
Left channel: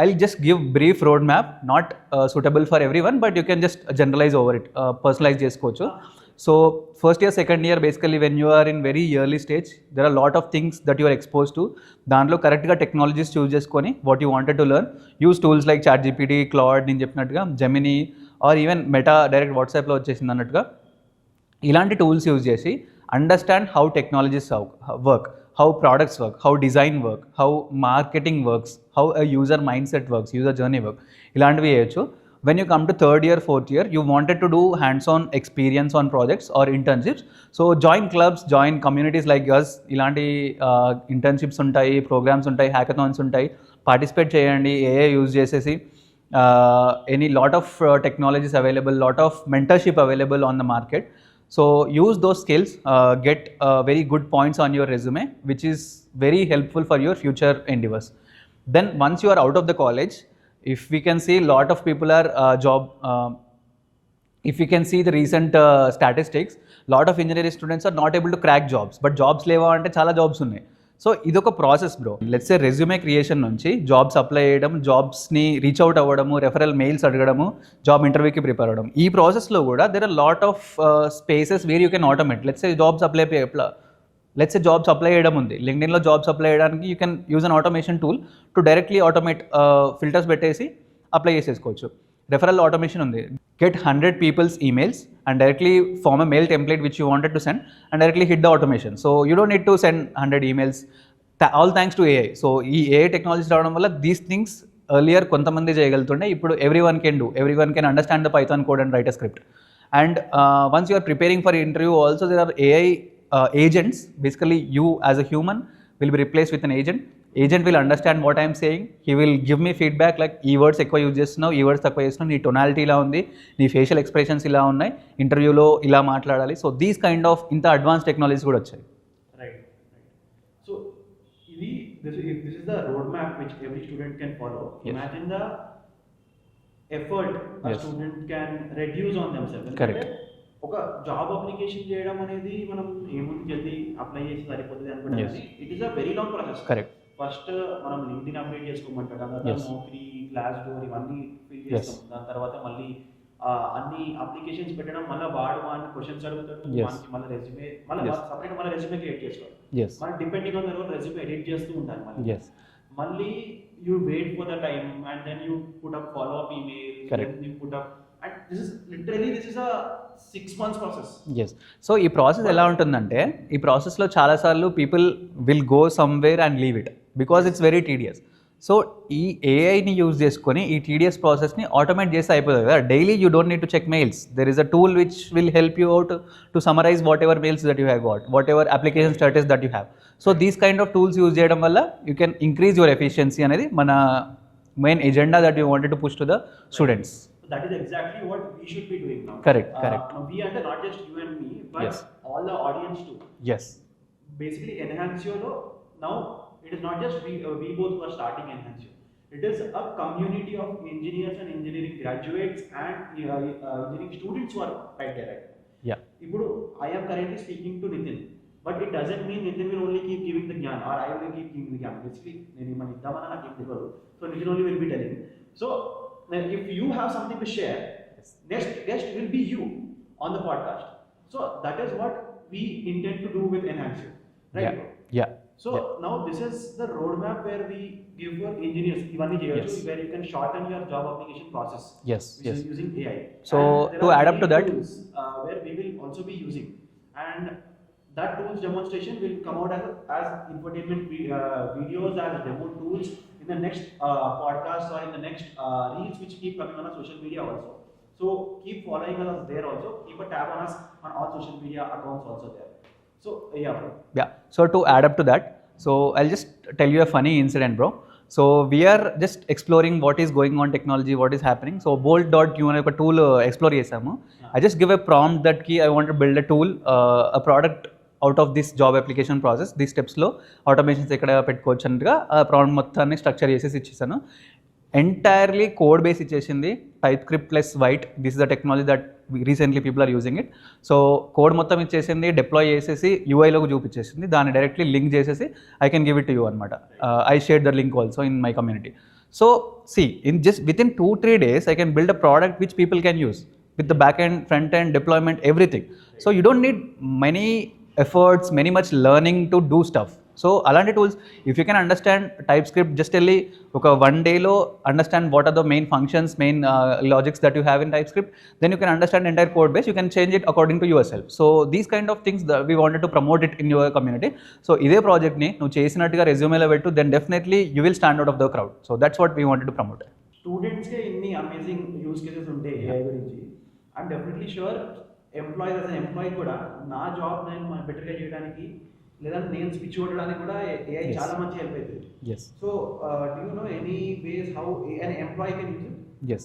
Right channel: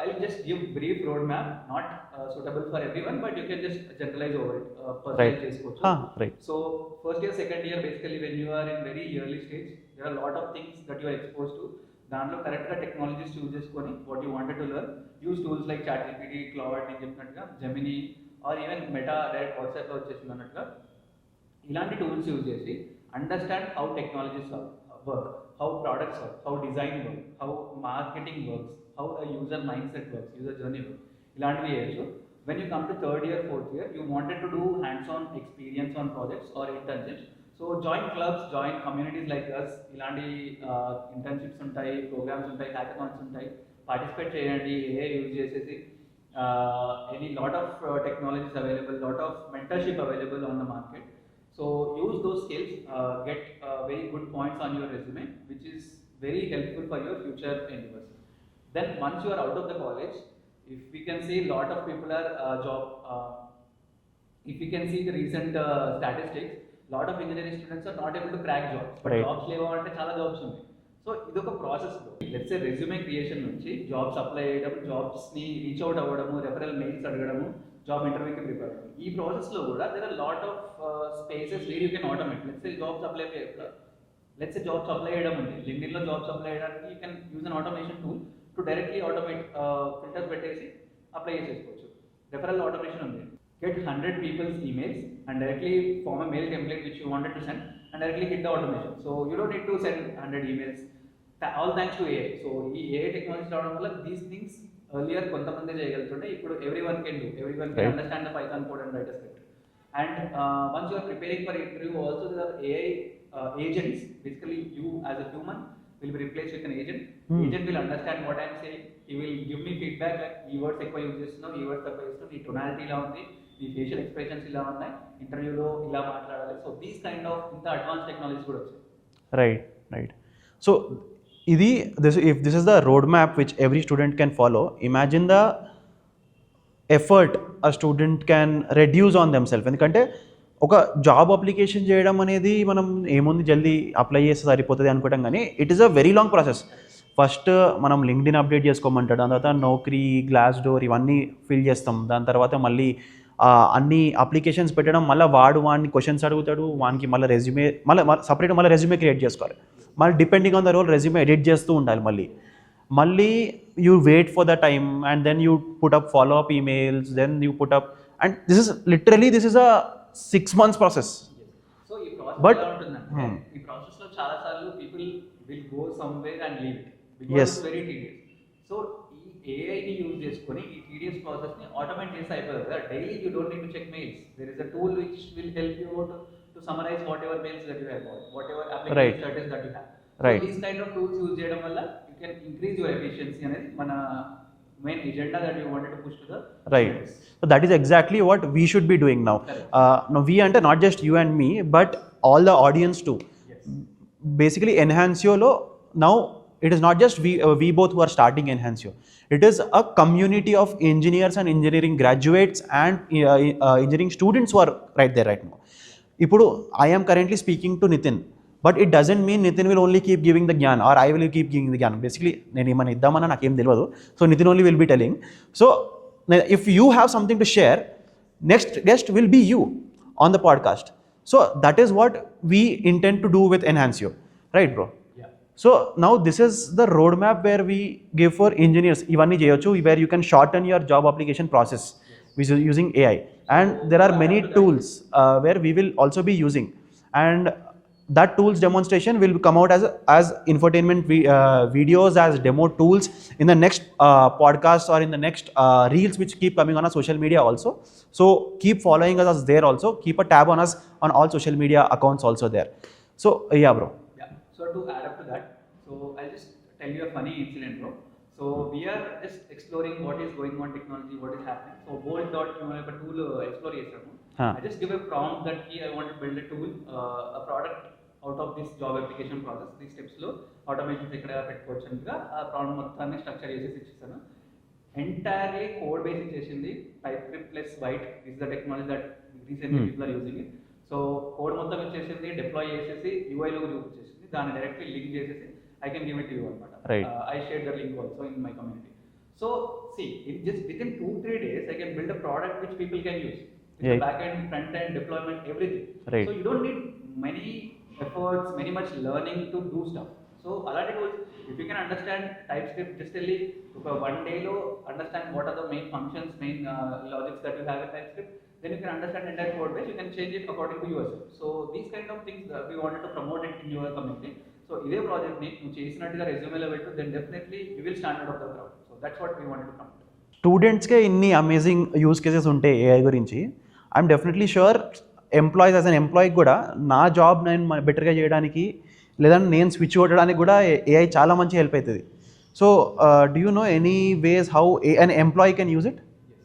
I'll just give brief roadmap, not suitable for everyone, but you can just generalize over it, personalize chesukochu. Right. So first year, second year, basically when you are in very early stage, there are a lot of things that you are exposed to. దాంట్లో కరెక్ట్గా technologies choose చేసుకొని what you wanted to learn, use tools like ChatGPT, Claude నేను చెప్పినట్టుగా, Gemini or even Meta direct వాట్సాప్లో వచ్చేసింది అన్నట్టుగా ఇలాంటి tools use చేసి understand how technologies work, how products work, how design work, how marketing works, how a user mindset works, user journey work. ఇలాంటివి చేయొచ్చు. When you come to 3rd year, 4th year, you wanted to do hands-on experience on projects or internships. So join clubs, join communities like us. ఇలాంటి internships ఉంటాయి, programs ఉంటాయి, hackathons ఉంటాయి, పార్టిసిపేట్ చేయండి. AI use చేసేసి any lot of technologies available, lot of mentorship available on the market. So use those skills, get very good points on your resume, which is very helpful for your future endeavors. Then once you are out of the college, if we can see lot of people are if we can see the recent statistics, lot of engineering students are not able to crack jobs, but right. Jobs లేవా అంటే చాలా జాబ్స్ ఉన్నాయి. So ఇదొక process bro. Let's say resume creation నుంచి jobs apply చేయడం, జాబ్స్ని reach out అవ్వడము, referral mails అడగడము, జాబ్ ఇంటర్వ్యూకి ప్రిపేర్ అవ్వడం, ఈ ప్రాసెస్లో కూడా there are lot of spaces where you can automate. Let's say jobs apply చేయడం ఉంది, లింక్డ్ఇన్లో జాబ్స్ అప్లై చేయడానికి you can use an automation tool to directly automate, filters పెట్టేసి అప్లై చేసేసుకోవచ్చు. రెఫరల్ ఆటోమేషన్ ఉంది, get 100 people's emails and directly form a mail template which you wanted to send and directly hit the automation. So you don't need to send 100 emails, all thanks to AI. So ఈ AI technologies రావడం వల్ల these things earlier కొంతమంది చేయగలుగుతుండే, ఇప్పుడు everyone can understand the Python code and write a script. And once you are preparing for interview also, there are AI agents. Basically you as a human will be replaced with an agent. Agent will understand what I am saying. He will give me feedback like ఈ వర్డ్స్ ఎక్కువ యూజ్ చేస్తున్నావు, ఈ వర్డ్స్ తక్కువ చేస్తున్నావు, నీ టొనాలిటీ ఇలా ఉంది, నీ ఫేషియల్ ఎక్స్ప్రెషన్స్ ఇలా ఉన్నాయి, ఇంటర్వ్యూలో ఇలా మాట్లాడాలి. సో దీస్ కైండ్ ఆఫ్ ఇంత అడ్వాన్స్ టెక్నాలజీస్ కూడా వచ్చాయి. రైట్. సో ఇది if this is the roadmap which every student can follow, imagine the effort a student can reduce on themselves. ఎందుకంటే ఒక జాబ్ అప్లికేషన్ చేయడం అనేది మనం ఏముంది జల్దీ అప్లై చేస్తే సరిపోతుంది అనుకుంటాం కానీ it is a very long process. Correct. First మనం లింక్డ్ఇన్ అప్డేట్ చేసుకోమంటాడు, దాని తర్వాత నౌకరీ, గ్లాస్ డోర్ ఇవన్నీ ఫిల్ చేస్తాం. దాని తర్వాత మళ్ళీ అన్ని అప్లికేషన్స్ పెట్టడం, మళ్ళీ వాడిని క్వశ్చన్స్ అడుగుతాడు, వానికి మళ్ళీ రెజ్యూమే సపరేట్ మళ్ళీ రెజ్యూమే క్రియేట్ చేసుకోవాలి. మళ్ళీ depending on the role resume edit చేస్తూ ఉండాలి. మళ్ళీ you wait for the time and then you put up follow up emails, then you put up, and this is a 6 months process. So ఈ process ఎలా ఉంటుందంటే ఈ ప్రాసెస్లో చాలాసార్లు people will go somewhere and leave it because it's very tedious. So ఈ ఏఐని యూజ్ చేసుకొని ఈ టీడీఎస్ ప్రాసెస్ని ఆటోమేట్ చేస్తే అయిపోతుంది కదా. Daily you don't need to check mails. There is a tool which will help you out to summarise whatever mails that you have got, whatever application status that you have. So these kind of tools use చేయడం వల్ల you can increase your efficiency అనేది మన main agenda that you wanted to push to the students. So that is exactly what we should be doing now. Correct. Now we ante not just you and me but all the audience too. Yes. Basically Enhanceo lo now it is not just we both who are starting Enhanceo. It is a community of engineers and engineering graduates and engineering students who are right there right now. Yeah. Ipudu I am currently speaking to Nitin, but it doesn't mean Nitin will only keep giving the gyan or I will keep giving the gyan. Basically nenu emana iddamana nakem telvadu, so Nitin only will be telling. So if you have something to share, next guest will be you on the podcast. So that is what we intend to do with Enhanceo, right? Bro? Yeah. So now this is the roadmap where we give for engineers ivanni cheyochu, where you can shorten your job application process. Which is using AI. So and there are many tools where we will also be using, and that tools demonstration will come out as infotainment videos, as demo tools in the next podcast or in the next reels which keep coming on our social media also. So keep following us there also. Keep a tab on us on all social media accounts also there. So yeah bro. Yeah. So to add up to that, so I'll just tell you a funny incident, bro. So we are just exploring what is going on technology, what is happening. So bolt.q అనే ఒక tool explore చేసాము. I just give a prompt that key I want to build a tool, a product out of this job application process, this స్టెప్స్లో automations ఎక్కడ పెట్టుకోవచ్చు అన్నట్టుగా ఆ problem మొత్తాన్ని structure చేసేసి ఇచ్చేసాను. ఎంటైర్లీ కోడ్ బేస్ ఇచ్చేసింది, type script plus Vite. This is the technology that recently people are using it. So code మొత్తం ఇచ్చేసింది, డిప్లాయ్ చేసేసి యూఐలోకి చూపించేసింది, దాన్ని డైరెక్ట్లీ లింక్ చేసేసి I can give it to you అనమాట. I share the link also in my community. So see in just with in 2-3 days I can build a product which people can use with the back end, front end, deployment, everything. So you don't need many efforts, many much learning to do stuff. So alanti tools, if you can understand TypeScript, just only oka 1 day lo understand what are the main functions, main logics that you have in TypeScript, then you can understand entire code base, you can change it according to yourself. So these kind of things that we wanted to promote it in your community. So ide project ni nu chesinattuga resume lo vettu, then definitely you will stand out of the crowd. So that's what we wanted to promote. Students ke inni amazing use cases unte AI gurinchi, I'm definitely sure employees as an employee కూడా నా జాబ్ నేను బెటర్గా చేయడానికి లేదంటే నేను స్విచ్ కొట్టడానికి కూడా ఏఐ చాలా మంచి హెల్ప్ అవుతుంది. So do you know any ways how an employee can use it? Yes.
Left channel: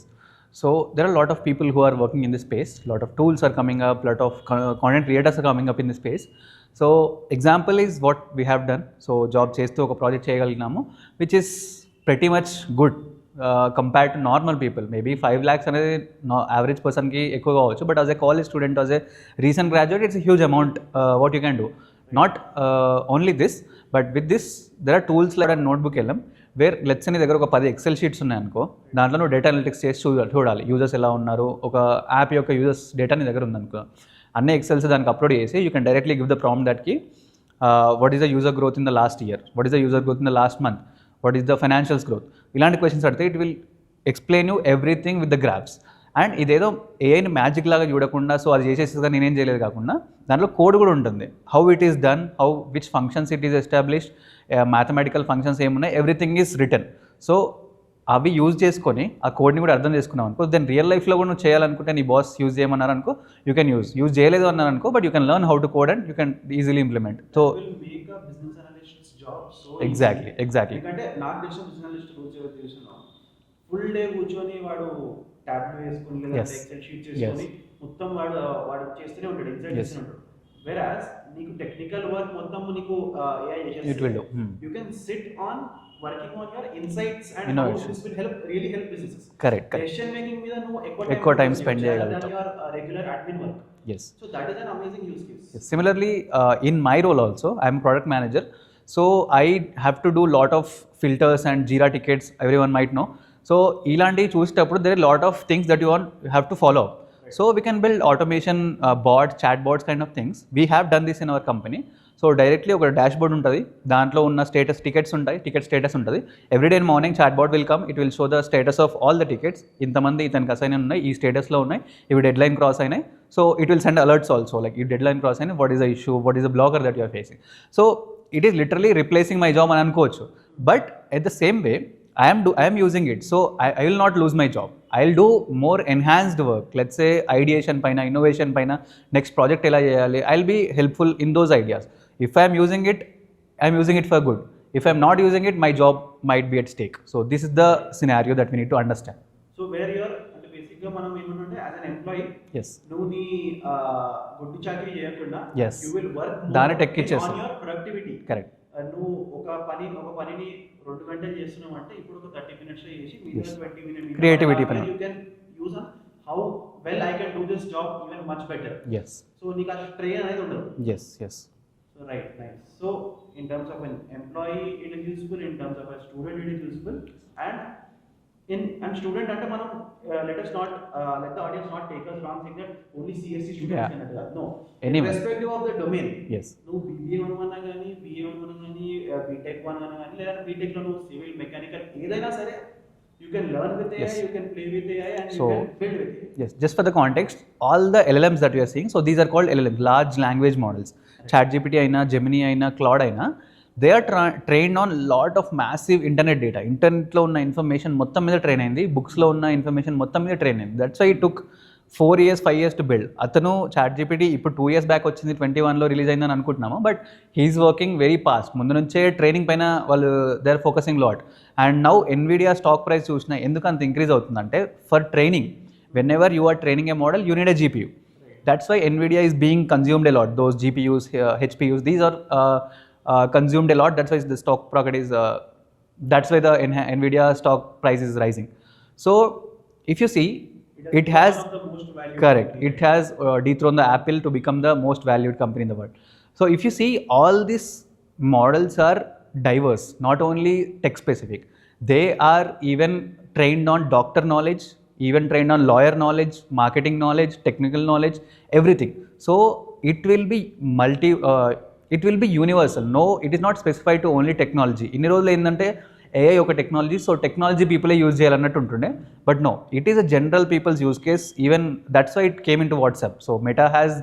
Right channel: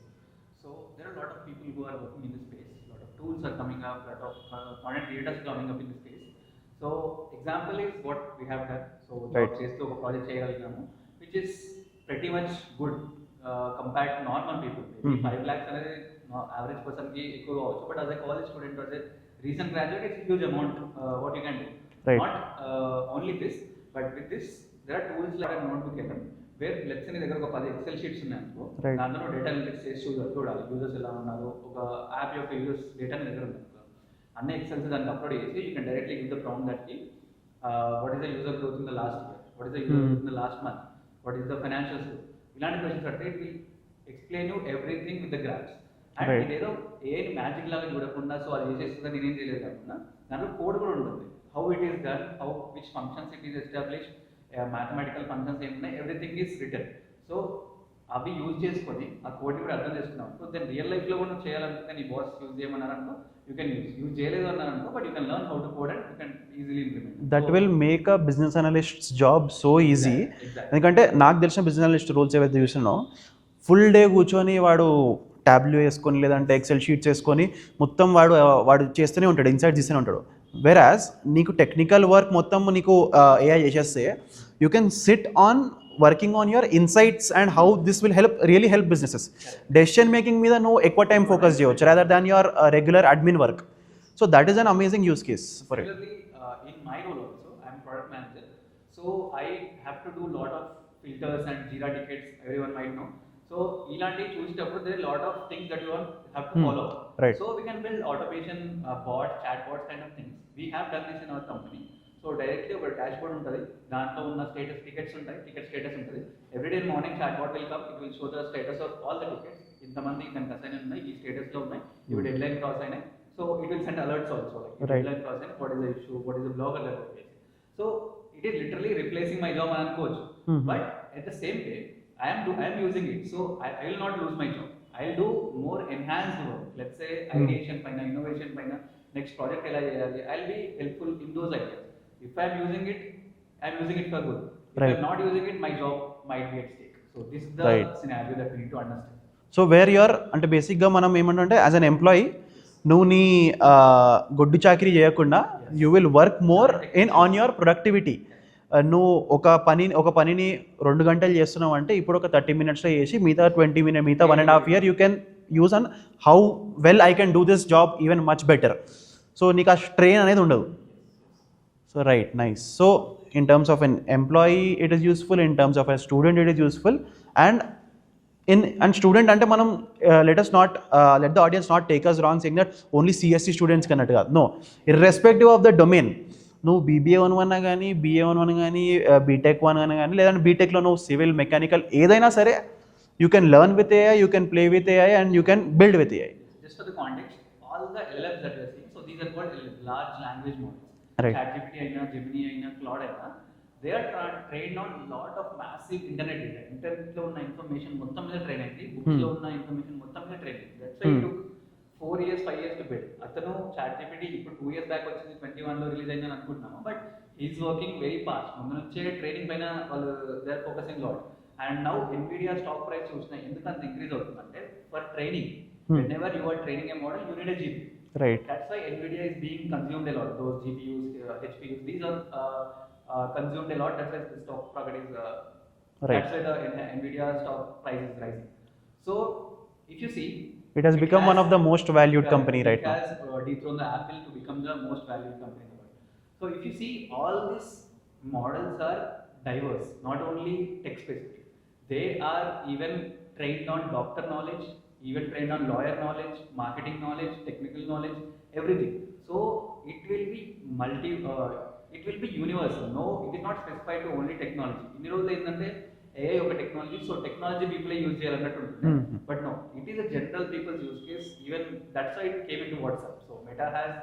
So there are a lot of people who are working in this space, lot of tools are coming up, lot of content creators are coming up in this space. So example is what we have done. So job చేస్తూ ఒక project చేయగలిగినాము which is pretty much good compared to normal people. Maybe 5 lakhs అనేది average పర్సన్కి ఎక్కువ కావచ్చు, but as a college student, as a recent graduate, it's a huge amount what you can do. Not only this, but with this there are tools like notebook వెళ్ళాం where let's నీ దగ్గర ఒక 10 XL sheets ఉన్నాయనుకో, దాంట్లో నువ్వు data analytics చేసి చూడాలి యూజర్స్ ఎలా ఉన్నారు, ఒక యాప్ యొక్క యూజర్స్ డేటా నీ దగ్గర ఉందనుకో, అన్ని ఎక్సెల్స్ దానికి అప్లోడ్ చేసి you can directly give the prompt that కి what is the user growth in the last year, what is the user growth in the last month, what is the financials growth, ఇలాంటి questions అడితే it will explain you everything with the graphs. And ఇదేదో ఏఐని మ్యాజిక్ లాగా చూడకుండా సో అది చేసేసి నేనేం చేయలేదు కాకుండా దాంట్లో కోడ్ కూడా ఉంటుంది, how it is done, how which functions it is established, mathematical functions ఏమున్నాయి, ఎవ్రీథింగ్ ఈజ్ రిటర్న్. సో అవి యూజ్ చేసుకొని ఆ కోడ్ని కూడా అర్థం చేసుకున్నాం అనుకో, దెన్ రియల్ లైఫ్లో కూడా నువ్వు చేయాలనుకుంటే నీ బాస్ యూజ్ చేయమన్నారు అనుకో, యూ కెన్ యూజ్ చేయలేదు అన్నారు అనుకో, but you can learn how to code and you can easily implement. That will make a business analyst job so easy. Exactly. ఎందుకంటే నాకు తెలిసిన బిజినెస్ అనలిస్ట్ రోల్స్ ఏవైతే చూసినానో ఫుల్ డే కూర్చొని వాడు ట్యాబ్లో వేసుకొని లేదంటే ఎక్సెల్ షీట్స్ వేసుకొని మొత్తం వాడు చేస్తూనే ఉంటాడు, ఇన్సైట్ చేస్తూనే ఉంటాడు. వెరాజ్ నీకు టెక్నికల్ వర్క్ మొత్తం నీకు ఏఐ చేసేస్తే you can SIT on working on your insights and how this will really help businesses. Correct. Decision making మీద నువ్వు ఎక్కువ టైం ఫోకస్ చేయవచ్చు rather than your regular admin work. Yes. So that is an amazing use case. Similarly, in my role also, I am a product manager. So I have to do lot of filters and Jira tickets, everyone might know. So ilanti చూసేటప్పుడు there are lot of things that you have to follow up. Right. So we can build automation bots, chat bots kind of things. We have done this in our company. So directly ఒక dashboard ఉంటుంది, దాంట్లో ఉన్న status tickets ఉంటాయి, ticket status ఉంటుంది. Every day morning chat board will come, it will show the status of all the tickets. ఇంతమంది ఇతనికి assign ఉన్నాయి, ఈ స్టేటస్లో ఉన్నాయి, ఇవి డెడ్ లైన్ క్రాస్ అయినాయి. So it will send alerts also like ఈ డెడ్ లైన్ క్రాస్ అయినాయి, what is the issue, what is the blocker that you're facing. So it is literally replacing my job అని అనుకోవచ్చు. But at the same way I am using it, so I will not lose my job. I will do more enhanced work. Let's say ideation paina, innovation paina, next project ela cheyali, I'll be helpful in those ideas. If I am using it, I am using it for good. If I am not using it, my job might be at stake. So this is the scenario that we need to understand. So where you're అంటే బేసిక్గా మనం ఏమంటే as an employee Yes. నువ్వు నీ గొడ్డు చాకరీ చేయకుండా Yes. You will work more Direct in on your productivity. Correct. నువ్వు ఒక పనిని 2 గంటలు చేస్తున్నావు అంటే ఇప్పుడు ఒక 30 minutesలో చేసి మిగతా 20 minutes మిగతా 1.5 year you can use an how well I can do this job even much better. Yes. So నీకు ఆ స్ట్రెయిన్ అనేది ఉండదు. Yes. Yes. So right, nice. So in terms of an employee, it is useful. In terms of a student, it is useful. And student ante manam let the audience not take us wrong saying that only CSC students can adu. No, irrespective of the domain. Yes. No BBA 1 gaani, BA 1 gaani, BTech 1 gaani, ledante BTech lo no civil, mechanical edaina sare you can learn with AI, you can play with AI, and you can build with AI. Yes, just for the context, all the LLMs that we are seeing, so these are called LLMs, large language models. Right. ChatGPT aina, Gemini aina, Claude aina, they are trained on lot of massive internet data. Internet lo unna information mottam meeda train ayindi, books lo unna information mottam meeda train ayindi. That's why it took 4 years, 5 years to build. Atanu ChatGPT ఇప్పుడు 2 years back వచ్చింది, 21లో release అయిందని అనుకుంటున్నాము. But he is working very fast. ముందు నుంచే training పైన వాళ్ళు they are focusing lot. And now Nvidia stock price చూసినా ఎందుకు అంత ఇంక్రీజ్ అవుతుందంటే for training, whenever you are training a model you need a GPU. Right. That's why NVIDIA is being consumed a lot. Those GPUs, HPUs, these are consumed a lot. That's why the stock market is. That's why the NVIDIA stock price is rising. So if you see, It has become one of the most valued correct, company right it has dethroned the Apple to become the most valued company in the world. So if you see, all these models are diverse, not only tech specific. They are even trained on doctor knowledge, even trained on lawyer knowledge, marketing knowledge, technical knowledge, everything. So it will be it will be universal. No, it is not specified to only technology. ఇన్ని రోజులు ఏంటంటే AI ఒక technology, so technology పీపులే use చేయాలన్నట్టు ఉంటుండే. But no, it is a general people's use case. Even that's why it came into WhatsApp. So Meta has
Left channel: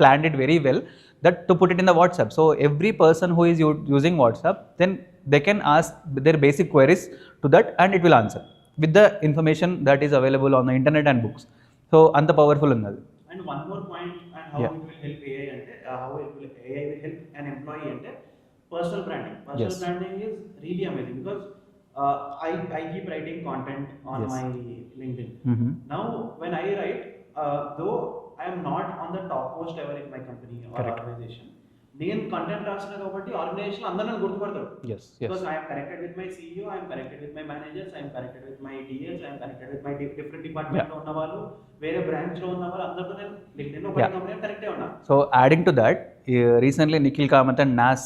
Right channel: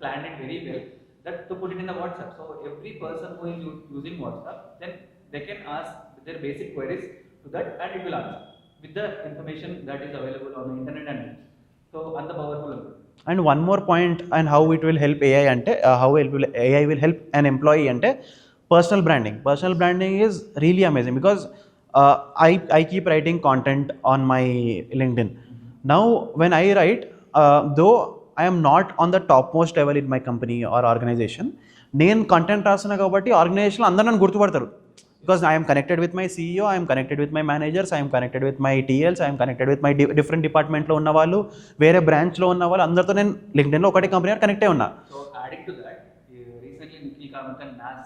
planned it very well that to put it in the WhatsApp. So every person who is using WhatsApp, then they can ask their basic queries to that and it will answer with the information that is available on the internet and books. So anta powerful unnadi. And one more point and how it will help AI ante how AI will help an employee ante personal branding. Personal branding is really amazing because I keep writing content on my LinkedIn. Now when I write, though I am not on the topmost level in my company or organization, నేను కంటెంట్ రాస్తున్నా కాబట్టి ఆర్గనైజేషన్లో అందరూ నన్ను గుర్తుపడతారు. Because I'm connected with my CEO, I'm connected with my managers, I'm connected with my TLs, I'm connected with my different డిపార్ట్మెంట్లో ఉన్న వాళ్ళు, వేరే బ్రాంచ్లో ఉన్న వాళ్ళు, అందరితో నేను లింక్డ్ఇన్లో ఒకటి కంపెనీ కనెక్టే ఉన్నా. So adding to that, recently Nikhil Kamath and Nas,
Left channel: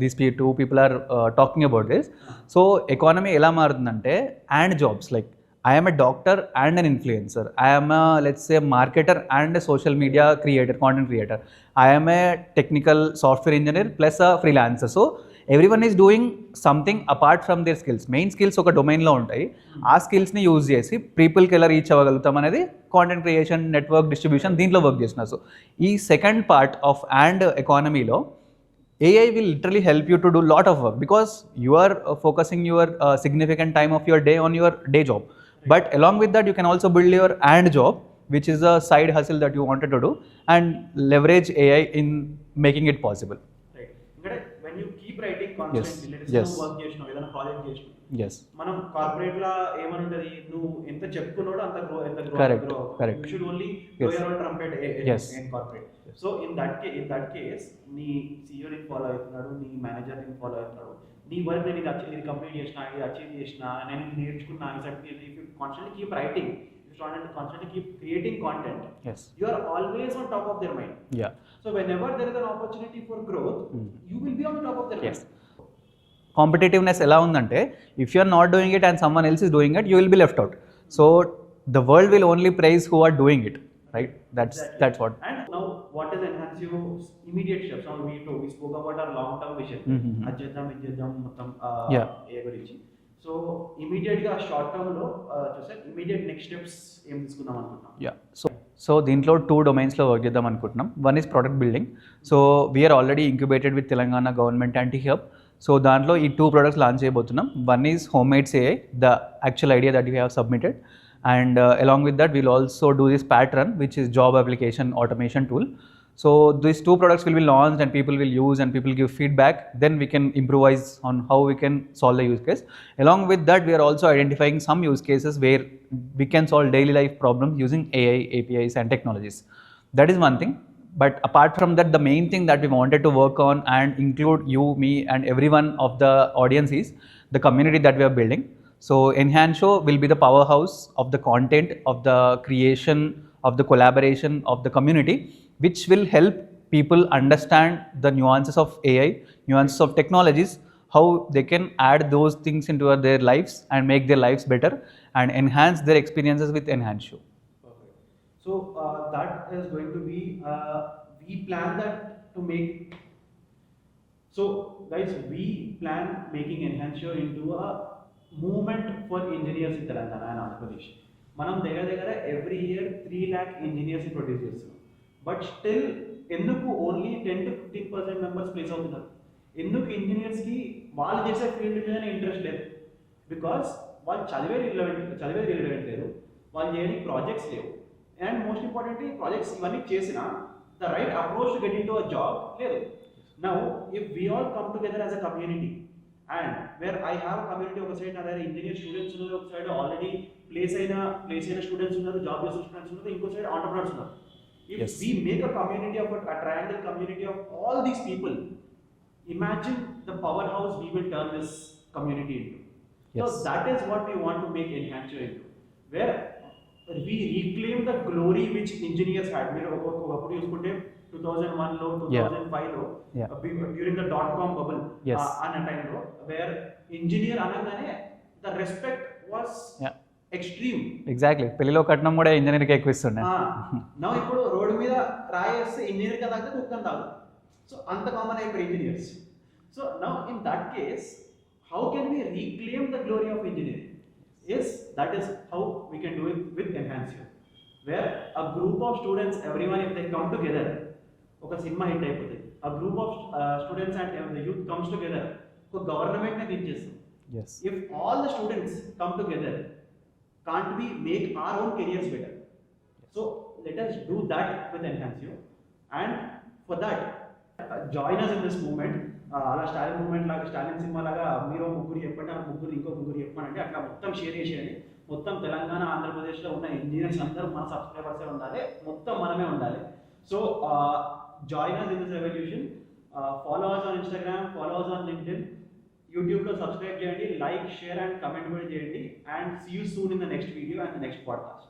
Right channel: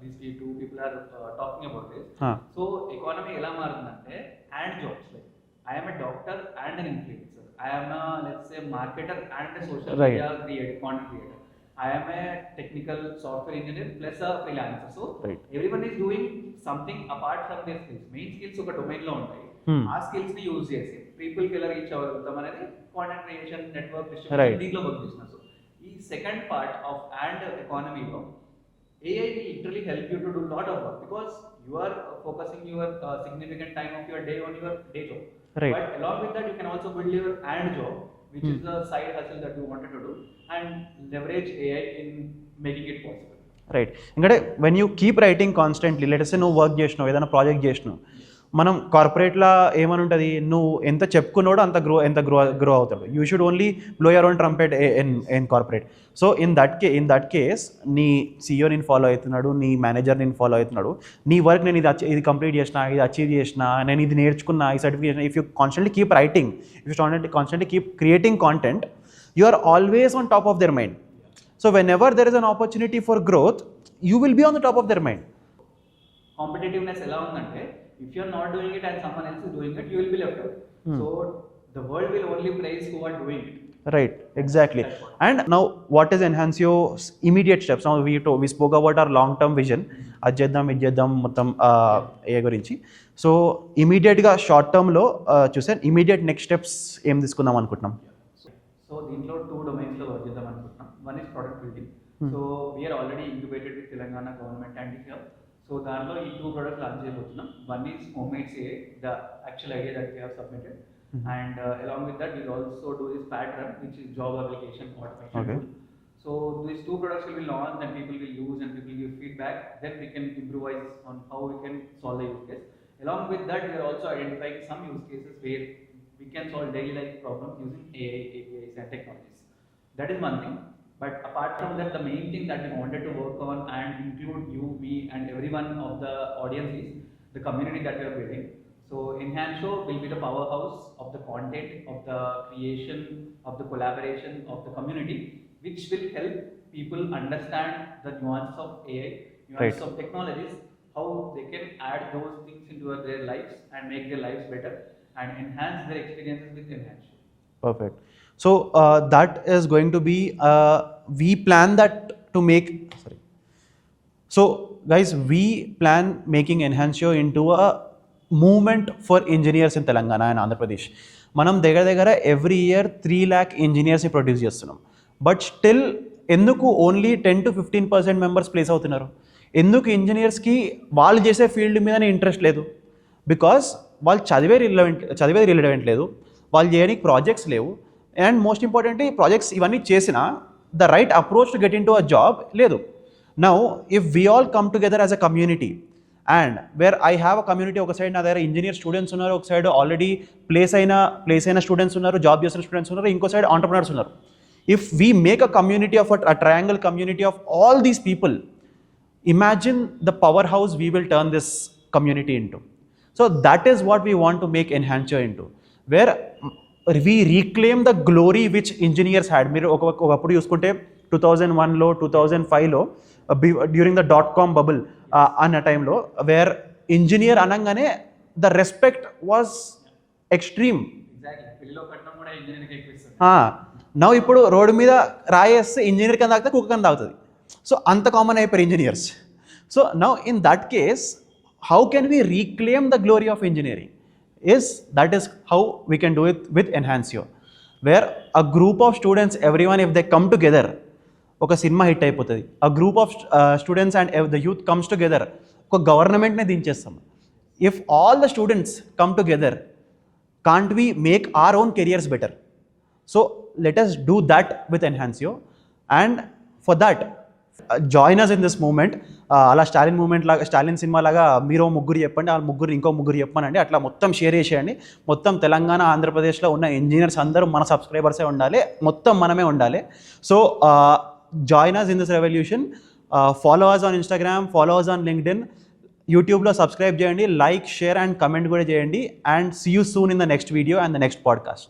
these two people are talking about this. So economy ఎలా మారుతుందంటే, and jobs like I am a doctor and an influencer. I am a, let's say, marketer and a social media creator, content creator. I am a technical software engineer plus a freelancer. So everyone is doing something apart from their skills. Main skills ఒక డొమైన్లో ఉంటాయి. ఆ స్కిల్స్ని యూజ్ చేసి పీపుల్కి ఎలా రీచ్ అవ్వగలుగుతాం అనేది కాంటెంట్ క్రియేషన్, నెట్వర్క్ డిస్ట్రిబ్యూషన్, దీంట్లో వర్క్ చేస్తున్నారు. సో ఈ సెకండ్ పార్ట్ ఆఫ్ అండ్ ఎకానమీలో AI will literally help you to do lot of work because you are focusing your significant time of your day on your day job. Right. But along with that, you can also build your and job, which is a side hustle that you wanted to do, and leverage AI in making it possible. Right. ఎందుకంటే when you keep writing constantly, let's నువ్వు work చేసినావు, ఏదైనా ప్రాజెక్ట్ చేసినావు, మనం కార్పొరేట్లో ఏమని ఉంటుంది, నువ్వు ఎంత చెప్పుకున్నాడో అంత గ్రో అవుతాం. You should only blow your own trumpet in corporate. So in that case నీ CEO నేను ఫాలో అవుతున్నాడు, నీ మేనేజర్ నేను ఫాలో అవుతున్నాడు, నీ వర్క్ నేను ఇది కంప్లీట్ చేసిన, ఇది అచీవ్ చేసిన, నేను ఇది నేర్చుకున్నా, ఈ certification. If you constantly keep writing, if you constantly keep creating content, you are always on top of their mind. So whenever there is an opportunity for growth, you will be on the top of their mind. Competitiveness ఎలా ఉందంటే, if you are not doing it and someone else is doing it, you will be left out. So the world will only prize who are doing it. Right, exactly. That's what. And now, what is Enhancio's immediate steps? Now we spoke about our long-term vision. అది చేద్దాం మొత్తం ఏ గురించి. సో ఇమీడియట్గా షార్ట్ టర్మ్లో చూసాను, immediate next steps ఏం తీసుకుందాం అనుకుంటున్నాం. సో దీంట్లో 2 డొమైన్స్లో వర్క్ చేద్దాం అనుకుంటున్నాం. One is product building. So we're already incubated with Telangana government anti hub. So దాంట్లో ఈ 2 products లాంచ్ చేయబోతున్నాం. One is homemades AI, the actual idea that we have submitted. And along with that, we'll also do this Pattern, which is job application automation tool. So these 2 products will be launched and people will use and people give feedback. Then we can improvise on how we can solve the use case. Along with that, we are also identifying some use cases where we can solve daily life problems using AI, APIs and technologies. That is one thing. But apart from that, the main thing that we wanted to work on and include you, me and everyone of the audience is the community that we are building. So Enhansio will be the powerhouse of the content, of the creation, of the collaboration of the community, which will help people understand the nuances of AI, nuances of technologies, how they can add those things into their lives and make their lives better and enhance their experiences with Enhansio. Perfect. So that is going to be, we plan that to make, sorry. So guys, we plan making Enhansio into a moment for engineers in Telangana and Andhra Pradesh. మనం దగ్గర every year 3 lakh ఇంజనీర్స్ని produce చేస్తున్నాం. But still ఎందుకు only 10 to 15% members place అవుతున్నారు? ఎందుకు ఇంజనీర్స్కి వాళ్ళు చేసే ఫీల్డ్ మీదనే ఇంట్రెస్ట్ లేదు? బికాస్ వాళ్ళు చదివేది రిలవెంట్ లేదు, వాళ్ళు చేయడానికి ప్రాజెక్ట్స్ లేవు, అండ్ మోస్ట్ ఇంపార్టెంట్లీ ప్రాజెక్ట్స్ ఇవన్నీ చేసినా the right approach to get into a job లేదు. Now if we all come together as a community, and where I have a community, ఒక సైడ్ నా దగ్గర ఇంజనీర్ స్టూడెంట్స్ ఉన్నారు, ఒక side already place అయిన students ఉన్నారు, job చేసిన students ఉన్నారు, ఇంకో సైడ్ ఆంటర్ప్రినర్స్ ఉన్నారు. If we make a community of a triangle community of all these people, imagine the powerhouse we will turn this community into. So that is what we want to make Enhansio into, where we reclaim the glory which engineers had. మీరు ఒకప్పుడు చూసుకుంటే 2001లో 2005లో during the .com bubble అన్న టైంలో, wear engineer అనగానే the respect was extreme. Exactly, పెళ్లిలో కట్నం కూడా ఇంజనీర్కి ఎక్కువ ఇస్తుండే. నా ఇప్పుడు రోడ్డు మీద రాయేస్తే ఇంజనీర్ కన్నా తాగితే కుక్క కన్నా తాగుతుంది. సో అంత కామన్ అయిపోయారు engineers. So now in that case, how can we reclaim the glory of engineering? That is how we can do it with Enhansio, where a group of students, everyone, if they come together, ఒక cinema hit అయిపోతుంది. a group of students and the youth comes together, ఒక గవర్నమెంట్నే దించేస్తాం. if all the students come together, can't we make our own careers better? So let us do that with Enhansio, and for that join us in this movement. అలా స్టాలిన్ సినిమా లాగా మీరు ముగ్గురు చెప్పండి, ఆ ముగ్గురు ఇంకో ముగ్గురు చెప్పానండి, అట్లా మొత్తం షేర్ చేసేయండి. మొత్తం తెలంగాణ ఆంధ్రప్రదేశ్లో ఉన్న ఇంజనీర్స్ అందరూ మన సబ్స్క్రైబర్సే ఉండాలి, మొత్తం మనమే ఉండాలి. So join us in this revolution. Follow us on Instagram, follow us on LinkedIn, యూట్యూబ్లో సబ్స్క్రైబ్ చేయండి, లైక్, షేర్ అండ్ కమెంట్ కూడా చేయండి. And see you soon in the next video and the next podcast.